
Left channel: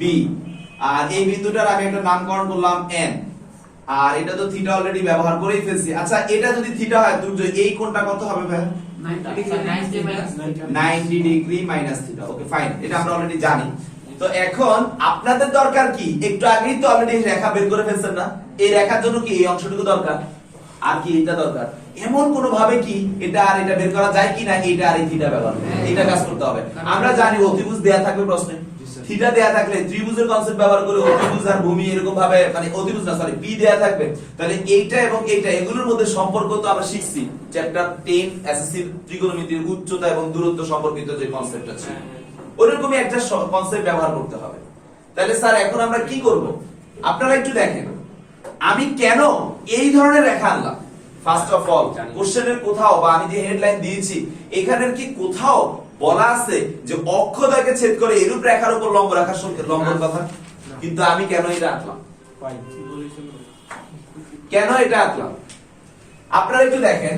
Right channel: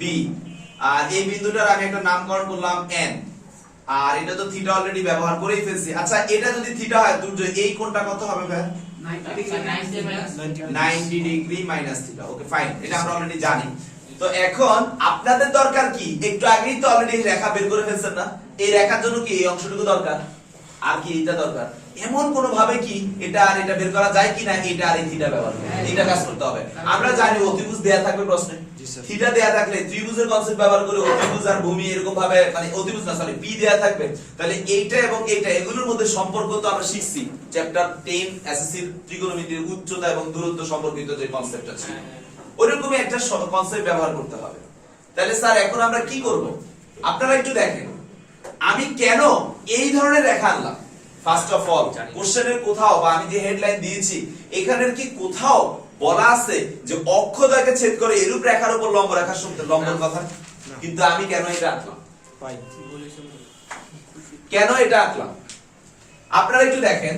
বি। আর এই বিন্দুটার আমি একটা নামকরণ করলাম এন। আর এটা তো থিটা অলরেডি ব্যবহার করেই ফেলছি। আচ্ছা, এটা যদি থিটা হয় তো এই কোণটা কত হবে ভাই? 90 degree minus theta. Okay fine, এটা আমরা অলরেডি জানি। তো এখন আপনাদের দরকার কি, একটু আগেই তো অলরেডি রেখা বের করে ফেলছেন না, এই রেখার জন্য কি এই অংশটুকু দরকার, আর কি এটা দরকার। এমন কোন ভাবে কি এটা আর এটা বের করা যায় কিনা, এটা আর এই থিটা ব্যবহার করে এটা কাজ করতে হবে। আমরা জানি অতিভুজ দেয়া থাকবে প্রশ্নে, থিটা দেয়া থাকলে ত্রিভুজের কনসেপ্ট ব্যবহার করে অতিভুজ আর ভূমি এরকম ভাবে, মানে অতিভুজ না সরি পি দেয়া থাকবে, তাহলে এইটা এবং এইটা এগুলোর মধ্যে সম্পর্ক তো আমরা শিখছি চ্যাপ্টার 10 এসএসসি ত্রিকোণমিতির উচ্চতা এবং দূরত্ব সম্পর্কিত যে কনসেপ্ট আছে, ওরকমই একটা কনসেপ্ট ব্যবহার করতে হবে। তাহলে স্যার এখন আমরা কি করব, আপনারা একটু দেখেন আমি কেন এই ধরনের রেখা আনলাম। ফার্স্ট অফ অল কোশ্চেনের কোথাও বা আমি যে হেডলাইন দিয়েছি এখানের কি কোথাও বলা আছে যে অক্ষদ্বয়কে ছেদ করে এরূপ রেখার উপর লম্ব রেখার সঙ্গে লম্বর কথা? কিন্তু আমি কেন এটা আঁকলাম, কেন এটা আঁকলাম আপনারা একটু দেখেন।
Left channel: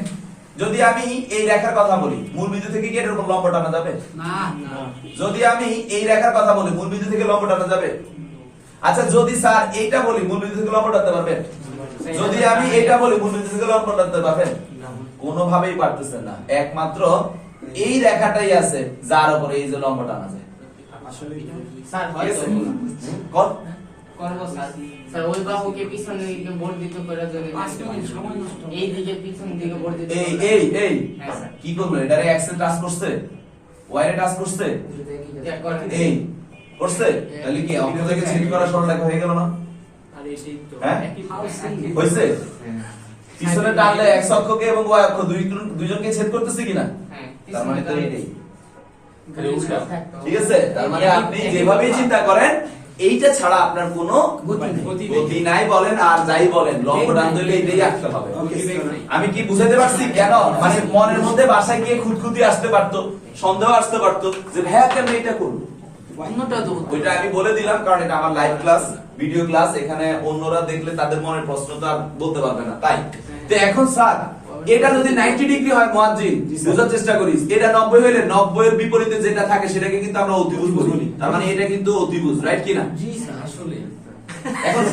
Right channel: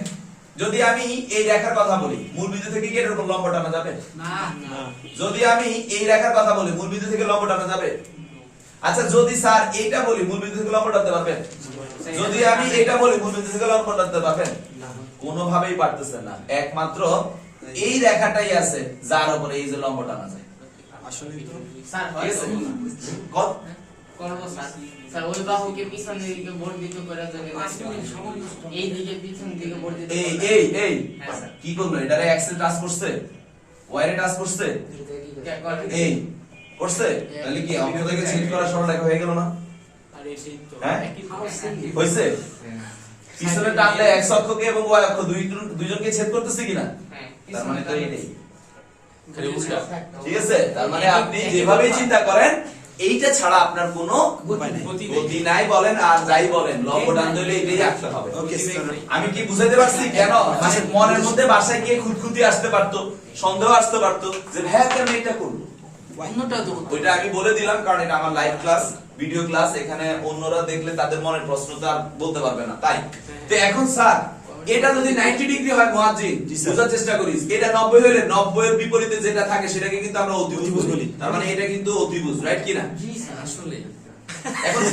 যদি আমি এই রেখার কথা বলি, মূল বিন্দু থেকে কি এর উপর লম্ব টানা যাবে? না। যদি আমি এই রেখার কথা বলি, মূল বিন্দু থেকে লম্ব টানা যাবে? আচ্ছা, যদি স্যার এইটা বলি, মূল বিন্দু থেকে লম্ব টানতে পারবেন? যদি আমি এইটা বলি, মূল বিন্দু থেকে লম্ব টানতে পারবেন? কোনোভাবেই পারতেছেন না। একমাত্র এই রেখাটাই আছে যার উপরে এই যে লম্ব টানা যায়। আসলে স্যার ঠিক আছে? করব স্যার। স্যার ওই বাহুকে পিছন দিকে বর্ধিত করে দেবে, এই দিকে পিছন দিকে বর্ধিত এই করে। এই এই হ্যাঁ, স্যার। কি করলো, এটারে এক্সেল টাচ করছে, ওয়াই এ টাচ করছে, ইয়া করেন। এই করছে, তাহলে কি অঙ্ক থেকে ছেদ করা সরল রেখা হয়ে গেল না? আর এই সেই তো হ্যাঁ একই হইছে? পিছনে টানলে এক্স অক্ষকে এবং ওয়াই অক্ষ দুইজনকে ছেদ করতেছে কিনা? হ্যাঁ, তার মানে তো পিছনে এটাই। খালি উল্টা ঠিক আছে, তার মানে আপনি যেভাবেই চিন্তা করেন এইটা ছাড়া আপনার কোনো গতি নাই বলেন আর যাই বলেন, লম্ব টানতে হলে এটাই আঁকতে হবে। আমি কি বুঝাতে পারছি কেন? মানে মনের মধ্যে বাসায় গিয়ে খুঁতখুঁতি আসতে পারতো, সন্দেহ আসতে পারতো যে ভাইয়া কেন এটা করলো। অন্যটা তো হতো। ওইটা আমি বলে দিলাম কারণ এটা আমার লাইভ ক্লাস, ভিডিও ক্লাস, এখানে অন্যরা দেখলে তাদের মনের প্রশ্ন তো আর বলতে পারবে না। তাই তো এখন স্যার এটা যদি 90 ডিগ্রি হয় মুয়াজ্জিন, বোঝার চেষ্টা করিস, এটা 90 হইলে 90 এর বিপরীতে যেটা থাকে সেটাকে কিন্তু আমরা অতিভুজ বলি। তার মানে এটা কিন্তু অতিভুজ, রাইট কি না? জি স্যার, আসলে এখন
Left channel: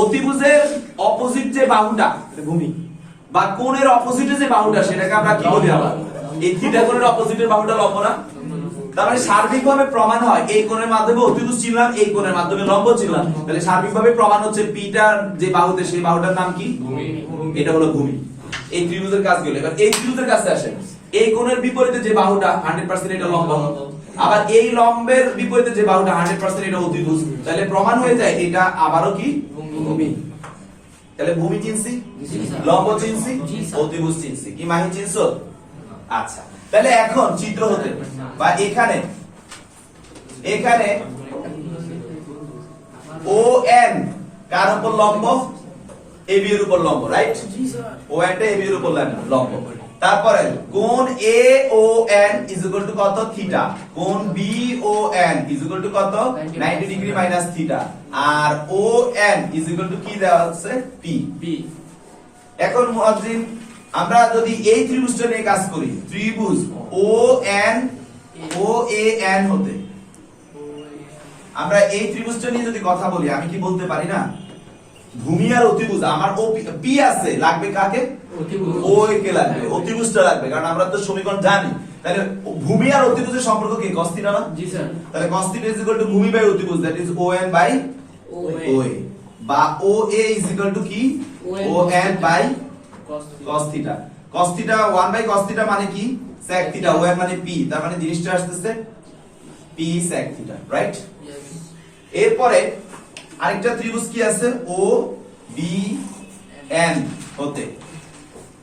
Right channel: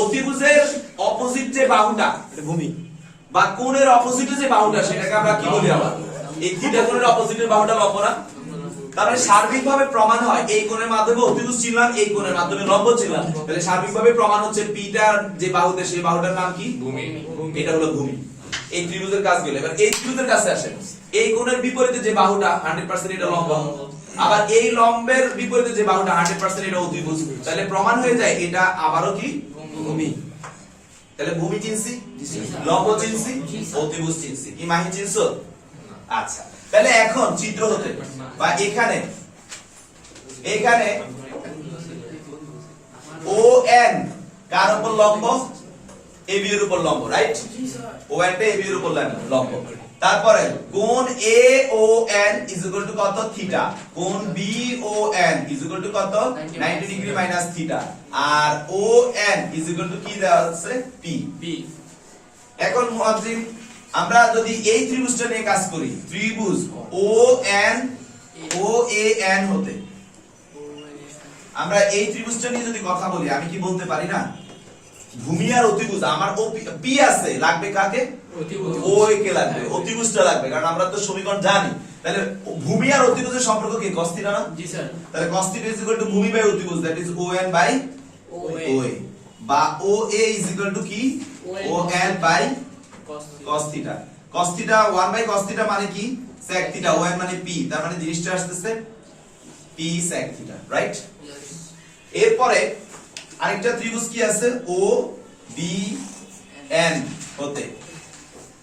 অতিভুজের অপোজিট যে বাহুটা ভূমি বা কোণের অপোজিটে যে বাহুটা সেটাকে আমরা কি বলি আবার? এই থিটা কোণের অপোজিটের বাহুটা লম্ব না? তার মানে সার্বিকভাবে প্রমাণ হয় এই কোণের মাধ্যমে অতিভুজ চিনলাম, এই কোণের মাধ্যমে লম্ব চিনলাম, তাহলে সার্বিকভাবে প্রমাণ হচ্ছে পিটার যে বাহুতে সেই বাহুটার নাম কি? ভূমি। এটা হলো ভূমি। এই ত্রিভুজের কাজ গেল। এবার এই ত্রিভুজের কাছে আসেন, এই কোণের বিপরীতে যে বাহুটা 100% এটা লম্ব, আবার এই লম্বের বিপরীতে যে বাহুটা 100% এটা অতিভুজ, তাহলে প্রমাণ হয়ে যায় এটা আবারও কি? ভূমি। তাহলে ভূমি চিনছি, লম্ব চিনছি, অতিভুজ চিনছি, কি মাহি চিনছো? আচ্ছা, তাহলে এখন চিত্র হতে বা এখানে ও এন কার উপর লম্ব? এবি এর উপর লম্ব, রাইট? ও এন টা এবি এর উপর লম্ব। তারপরে কোণ A O N is equal to কত? থিটা। কোণ B O N is equal to কত? 90 ডিগ্রি মাইনাস থিটা। আর O N is equal to কি দেওয়া আছে? পি। বি এখন মুয়াজ্জিন আমরা যদি এই ত্রিভুজটা নিয়ে কাজ করি, ত্রিভুজ ও এ এন হতে আমরা এই ত্রিভুজটা নিয়ে যদি কথা বলি, আমি কি বলতে পারি না ভূমি আর অতিভুজ আমার ও পি আছে, লাগবে কাকে? অতিভুজ ও এ কে লাগবে, অতিভুজটা লাগবে, কারণ আমরা তো সমীকরণ জানি। তাহলে ভূমি আর অতিভুজের সম্পর্ক কি? cos থিটা না? জি স্যার তাহলে cos theta is equal to ভূমি বাই অতিভুজ, that is O N by O A, বা O A is equal to কি? O N by cos theta. cos theta 1 by cos theta মানে কি? sec theta. ও এন মানে পি, তার মানে জিনিসটা আসতেছে পি sec থিটা, রাইট? এরপরে আরেকটা ত্রিভুজ কি আছে? ও বি এন হতে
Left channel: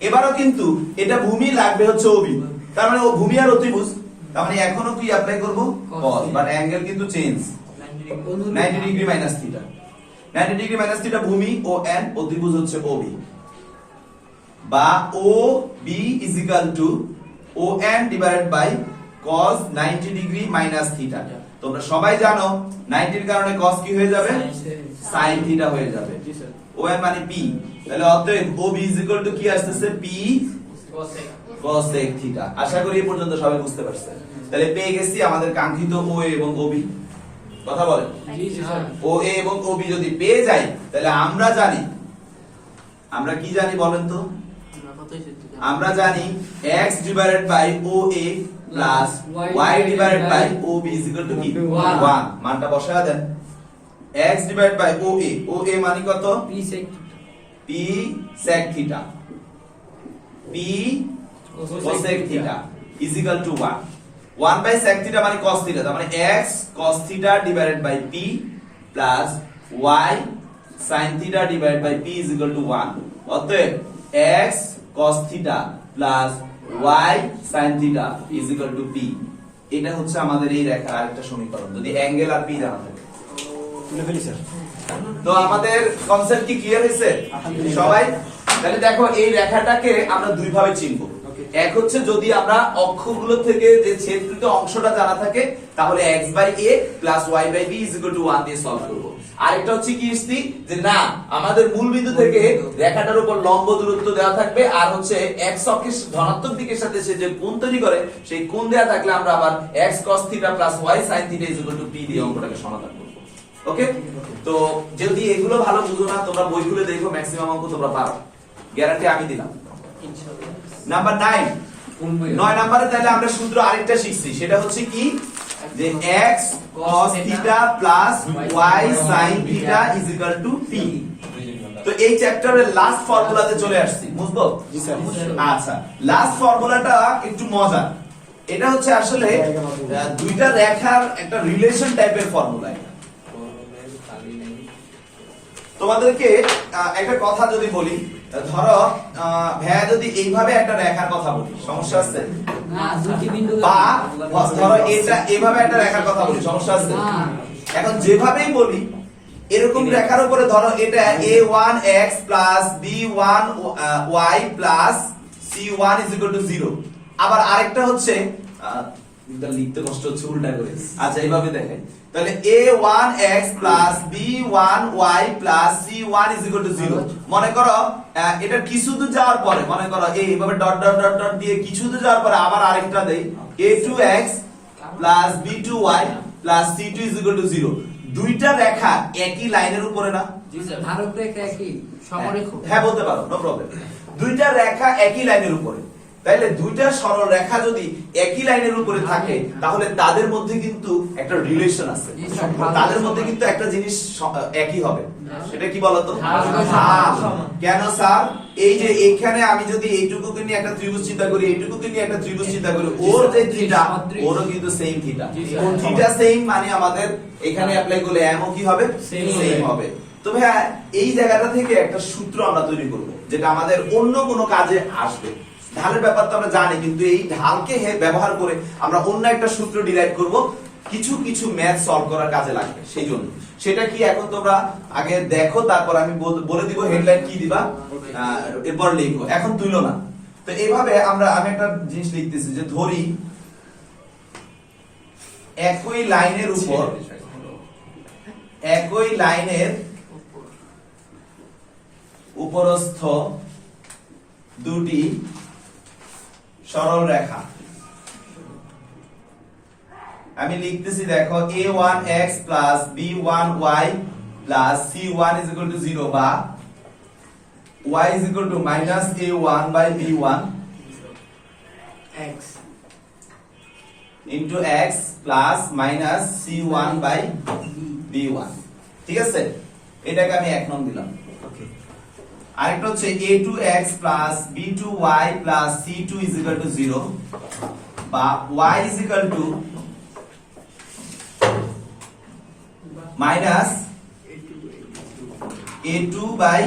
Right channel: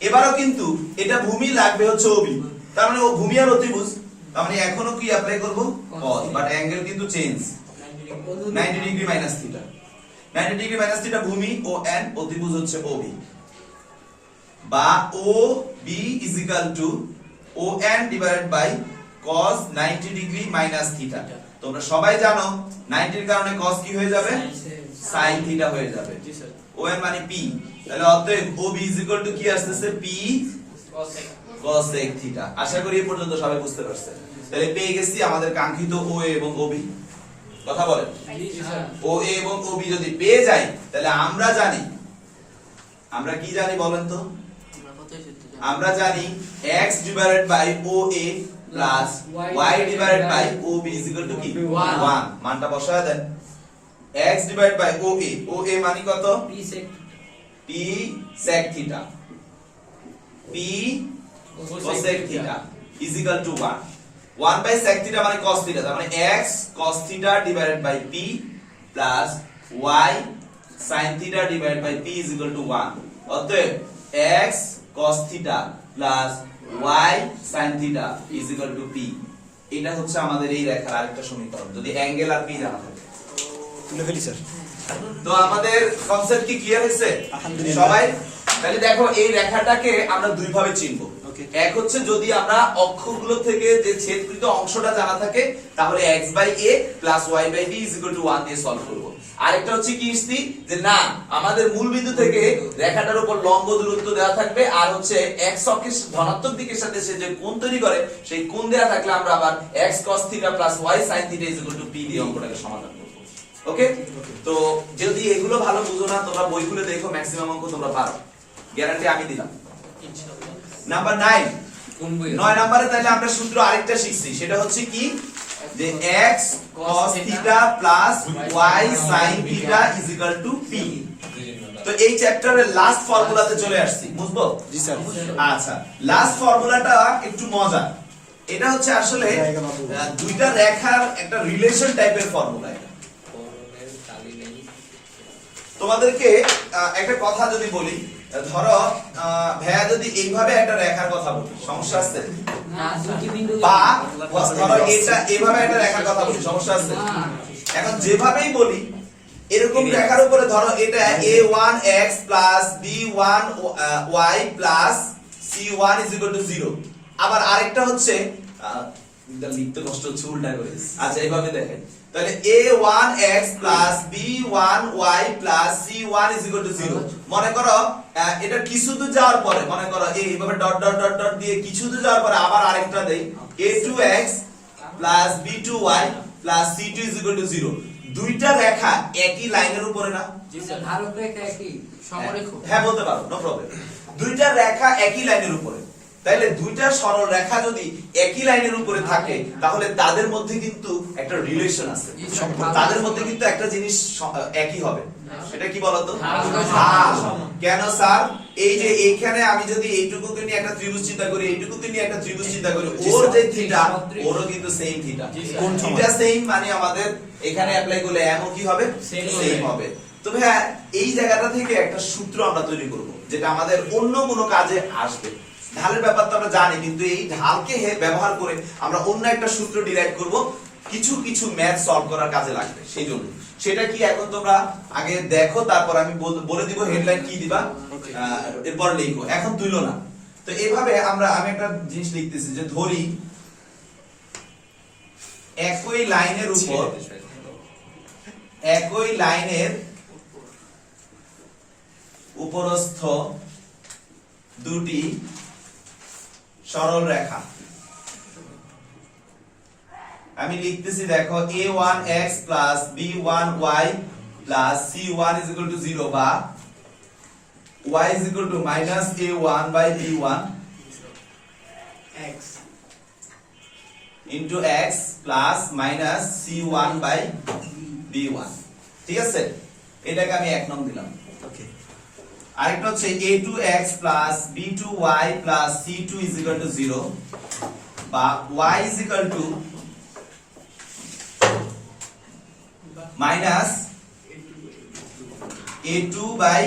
এবারও কিন্তু এটা ভূমি লাগবে হচ্ছে ওবি, তার মানে ও ভূমি আর অতিভুজ, তার মানে এখনো কি অ্যাপ্লাই করব? cos, বাট অ্যাঙ্গেল কিন্তু change 90 degree minus theta. 90 degree minus theta ভূমি ও এন ও ত্রিভুজ হচ্ছে ওবি বা O B is equal to O N divided by cos 90 degree minus theta. তোমরা সবাই জানো 90 এর কারণে cos কি হয়ে যাবে sin থিটা হয়ে যাবে। জি স্যার। ও এন মানে p, তাহলে অতএব OB ইজ ইকুয়াল টু কি আসছে p cosec থিটা। আশা করি এই পর্যন্ত সবাই বুঝতে পারছেন। তাহলে পেয়ে গেছি আমাদের কাঙ্ক্ষিত OA এবং OB। কথা বলেন, জি স্যার। OA এবং OB যদি পেয়ে যাই তাহলে আমরা জানি, আমরা কি জানি বলেন তো? আমরা জানি x divided by OA plus y divided by OB is equal to কি 1। মানটা বসায় দেন। x divided by OA, OA মানে কত? p sec theta, p cosec theta is equal to 1। 1 by sec theta মানে cos থিটা, তার মানে x cos theta divided by p plus y sin theta divided by p is equal to 1। অতএব x cos theta plus y sin theta is equal two p। এটা হচ্ছে আমাদের এই রেখার আরেকটা সমীকরণ যদি অ্যাঙ্গেল আর p জানা থাকে। তুলে ফেলি স্যার। তো আমাদের কনসেপ্ট কি ক্লিয়ার হয়েছে সবাই? তাহলে দেখো এই রেখাটাকে আমরা দুই ভাবে চিনব। এক হচ্ছে যদি আমরা অক্ষগুলো থেকে যে ছেদকৃত অংশটা জানা থাকে তাহলে x by a plus y by b is equal to 1 দিয়ে সলভ করব। আরেকটা হচ্ছে কি স্থিতি যে না আমাদের মূল বিন্দু থেকে রেখাটার উপর লম্ব দূরত্ব দেওয়া থাকবে আর হচ্ছে x অক্ষের ধনাত্মক দিকের সাথে সে যে কোণ তৈরি করে সেই কোণ দেওয়া থাকলে আমরা আবার x cos theta plus y sin theta is equal two p দিয়ে অঙ্কটাকে সমাধান করব। ওকে, তো যদি এগুলো ভালো বুঝো না তোমরা বই খুলে দেখো ম্যাক্সিমাম অঙ্ক তোমরা পারো, গ্যারান্টি আমি দিলাম। নাম্বার 9, 9 নম্বরে তাহলে আমরা সূত্র আরেকটা শিখছি, সেটা হচ্ছে কি যে x cos theta plus y sin theta is equal two p। তো এই চ্যাপ্টারের লাস্ট ফর্মুলাতে চলে আসছি, বুঝবো? জি স্যার। আচ্ছা, লাস্ট ফর্মুলাটা একটু মজা। এটা হচ্ছে আসলে দুইটা রেখার একটা রিলেশন টাইপের ফর্মুলা। তোমাদেরকে একটা কথা যদি বলি, ধরো ভাইয়া যদি এইভাবে একটা রেখার কথা বলি সমস্যা আছে? না, দুটি বিন্দু বা ধরো এটা এইভাবে একটা রেখার কথা বলি সমস্যা আছে? এখন যেভাবেই বলি এরকম রেখার উপরে ধরো এটা a1x plus b1y plus c1 is equal two 0। আবার আরেকটা হচ্ছে এটা লিখতে কষ্ট হচ্ছে উল্টা করে। আচ্ছা এইভাবে দেখেন, তাহলে a1x plus b1y plus c1 is equal two 0। মনে করো এটা কিছু দূর যাওয়ার পরে মনে করো এইভাবে ডট ডট ডট ডট দিয়ে কিছু দূর যাওয়ার পরে আবার আরেকটা দেই a2x plus b2y plus c2 is equal two 0। দুইটা রেখা একই লাইনের উপরে না? জি স্যার, ধারক রেখা একই সমরেখ। হ্যাঁ বলতে পারো, নো প্রবলেম। দুইটা রেখা একই লাইনের উপরে, তাইলে দুইটা সরল রেখা যদি একই লাইনের উপরে থাকে তাহলে তাদের মধ্যে কিন্তু একটা রিলেশন আছে, তাদের মধ্যে কিন্তু একটা জিনিস একই হবে। সেটা কি বলতো? ঢাল। কেন স্যার? এই যে এইখানে আমি যদি এইটুকুকে নিয়ে একটা ত্রিভুজ চিন্তা করি, এইটুকুকে নিয়ে একটা ত্রিভুজ চিন্তা করি, ওর যে থিটা ওরও কিন্তু সেম থিটা। থিটা সেম মানে আমাদের এখানে অ্যাপ্লাই করলে এমও কি হবে? সেম হবে। তো হ্যাঁ, এই জায়গাটা থেকে একটা সূত্র আমরা তৈরি করব যেটা আমাদের অন্য কোনো কাজে আসবে। ঢালের ব্যাপার তো আমরা জানি, কিন্তু এই ঢালকে ব্যবহার করে আমরা অন্য একটা সূত্র ডিরাইভ করব, কিছু কিছু ম্যাথ সলভ করার কাজে লাগবে। সেই জন্য সেটা কি এখন তোমরা আগে দেখো, তারপর আমি বলে দিব হেডলাইন কি দিবা, এরপর লিখো, এখন তুইলো না। তো এইভাবে আমি একটা জিনিস লিখতেছি যে ধরি একই লাইনের উপর একই লাইনের উপরস্থ দুটি সরল রেখা। আমি লিখতেছি দেখো a1x plus b1y plus c1 is equal to 0 বা y is equal to minus a1 by b1 x into x plus minus c1 by b1। ঠিক আছে, এটাকে আমি 1 নং দিলাম। আরেকটা হচ্ছে a2x plus b2y plus c2 is equal to 0 বা y is equal to minus a2 by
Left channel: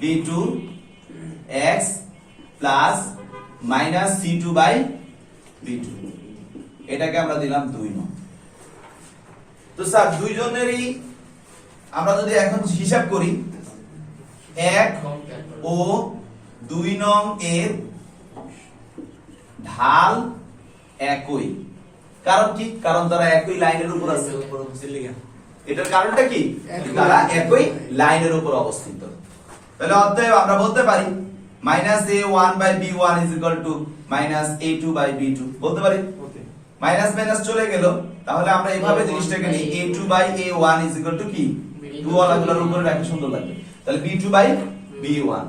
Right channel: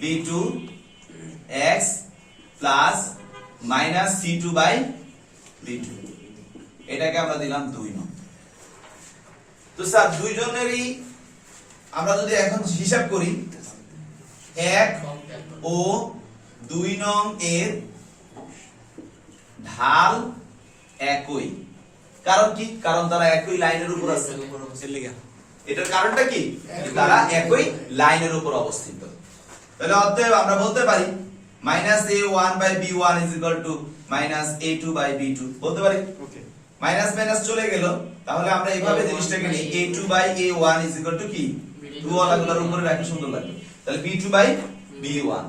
b2 x plus minus c2 by b2। এটাকে আমরা দিলাম 2 নং। তো স্যার দুইজনেরই আমরা যদি এখন হিসাব করি 1 ও 2 নং এর ঢাল একই, কারণ কি? কারণ তারা একই লাইনের উপর আছে। এটার কারণটা কি? তারা একই লাইনের উপর অবস্থিত। তাহলে অতএব আমরা বলতে পারি -a1/b1 -a2/b2 বলতে পারি। মাইনাস মাইনাস চলে গেল, তাহলে আমরা এইভাবে জিনিসটাকে নিই a2/a1 কি 2 ওয়ালাগুলোর উপরে রাখি, সুন্দর লাগবে। তাহলে b2/b1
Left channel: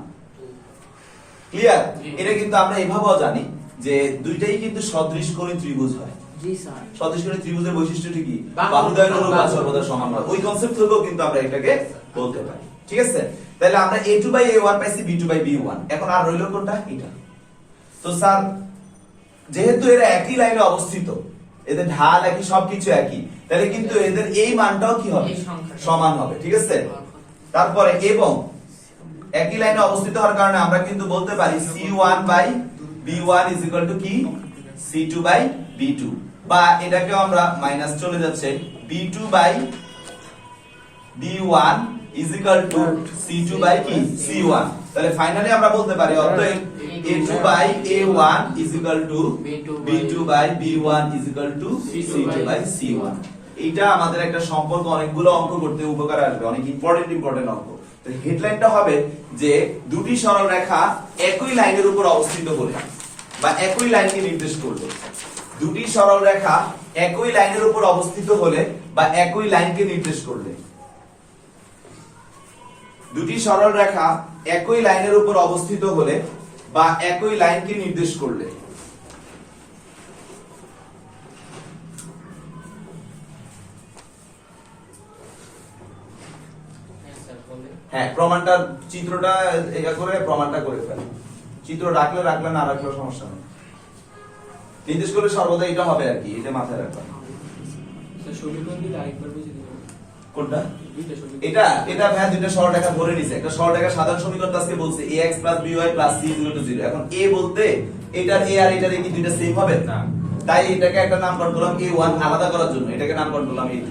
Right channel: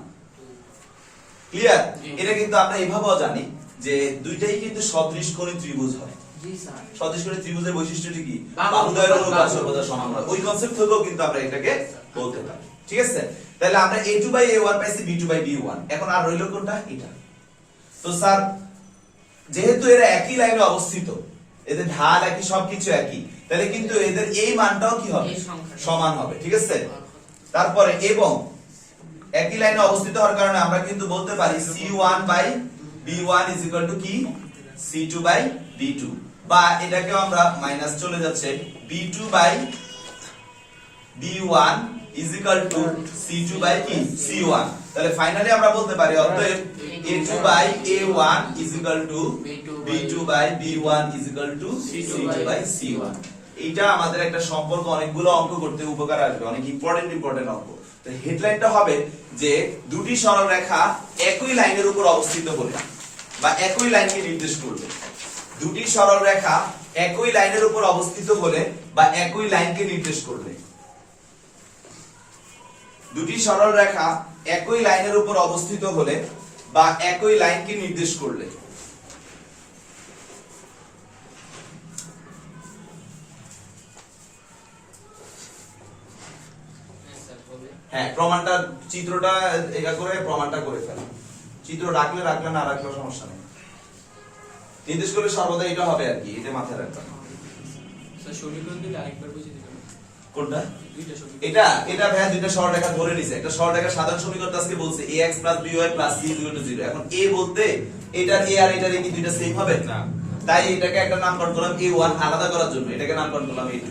ক্লিয়ার। এটা কিন্তু আমরা এইভাবেও জানি যে দুইটাই কিন্তু সদৃশকোণী ত্রিভুজ হয়। জি স্যার। সদৃশকোণী ত্রিভুজের বৈশিষ্ট্যটি কি? বাহুদ্বয়ের অনুপাত সর্বদা সমান হয়। ওই কনসেপ্ট থেকেও কিন্তু আমরা এটাকে বলতে পারি, ঠিক আছে? তাহলে আমরা a2/a1 পাইছি b2/b1। এখন আর রইল কোনটা? এটা। তো স্যার যেহেতু এরা একই লাইনে অবস্থিত, এদের ঢাল একই, সবকিছু একই, তাহলে কিন্তু এদের এই মানটাও কি হবে? সমান হবে, ঠিক আছে? তারপরে এবং একই লাইনে অবস্থিত হওয়ার কারণে আমরা কিন্তু বলতে পারি c1/b1 কি c2/b2, বা এটাকেও আমরা মাইনাস চলে যাচ্ছে b2/b1 c2 কি c1। তাহলে ফাইনালি আমরা বলতে পারি অতএব a2/a1 b2/b1 c2/c1। এইটা আমাদের একটা সম্পর্ক অনেকগুলো অঙ্ক করতে উপকার আসবে, অনেক ইম্পর্টেন্ট অঙ্ক। তো হেডলাইনটা হবে যে দুটি সরল রেখা একই লাইনের উপর অবস্থিত হলে বা একই লাইনকে নির্দেশ করবে, দুটি সরল রেখা একই লাইনের উপর অবস্থিত হলে বা একই লাইনকে নির্দেশ করবে, দুটি সরল রেখা একই লাইনের উপর অবস্থিত হলে বা একই লাইনকে নির্দেশ করলে। হ্যাঁ, প্রমাণটা চিত্রটা এটা করে প্রমাণটা করে ফেলে। চিত্র রাখলে রাখলে, না রাখলে সমস্যা নেই। নির্দেশ করলে সর্বদা এটা হবে আর কি, এটা মাথায় রাখবেন। স্যার সমীকরণ দিতে আরেকবার বুঝিয়ে দিবেন। কোনটা? দুইটা সমীকরণ। এটা ভাই দুইটা সরলরেখা ধরে নিছে। একটা সরলরেখার সাধারণ সমীকরণ আজকে বলছে ax + by + c = 0। এখন a বলতে এটার a আর এটার a কি দুইটা সেম হবে? না। তাই এটাকে একটা নামকরণ করলাম a1 আলাদা করার জন্য, এটাকে নামকরণ করলাম a2।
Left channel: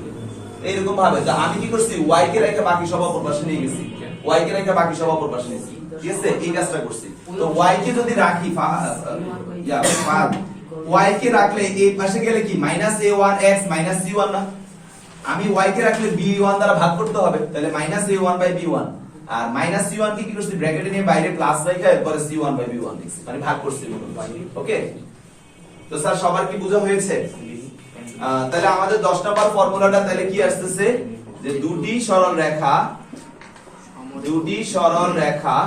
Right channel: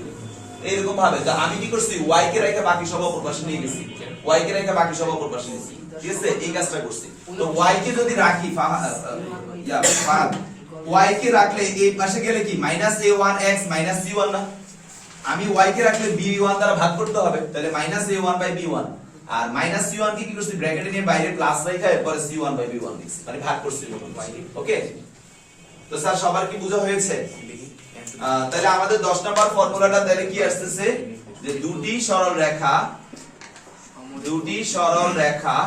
এইরকম ভাবে যে আমি কি করছি, y কে রেখে বাকি সব অপর পাশে নিয়ে গেছি, y কে রেখে বাকি সব অপর পাশে নিয়েছি, ঠিক আছে? এই কাজটা করছি। তো y কে যদি রাখি y কে রাখলে এই পাশে গেলে কি -a1x -c1 না? আমি y কে রাখলে b1 দ্বারা ভাগ করতে হবে, তাহলে -a1/b1 আর -c1 কে কি করছি, ব্র্যাকেটে নিয়ে বাইরে প্লাস রাখা, এরপরে c1/b1 লিখছি, মানে ভাগ করছি। ওকে, তো স্যার সবার কি বোঝা হয়েছে? তাহলে আমাদের 10 নাম্বার ফর্মুলাটা তাহলে কি আসছে, যে দুটি সরল রেখা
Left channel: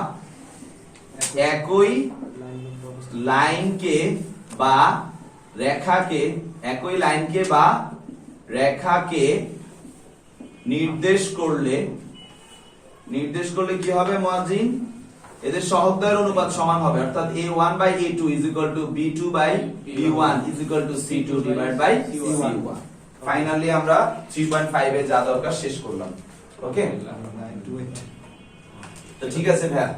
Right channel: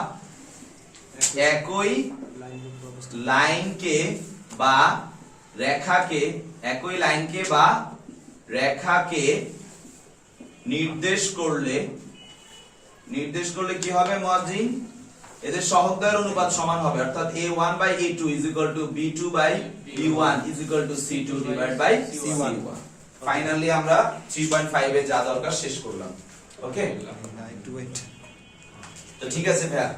একই লাইনকে বা রেখাকে নির্দেশ করলে কি হবে মুয়াজ্জিন? এদের সহগদ্বয়ের অনুপাত সমান হবে, অর্থাৎ a1/a2 b2/b1 c2/c1। ফাইনালি আমরা 3.5 এ যা দরকার শেষ করলাম। ওকে, তো ঠিক আছে ভাইয়া।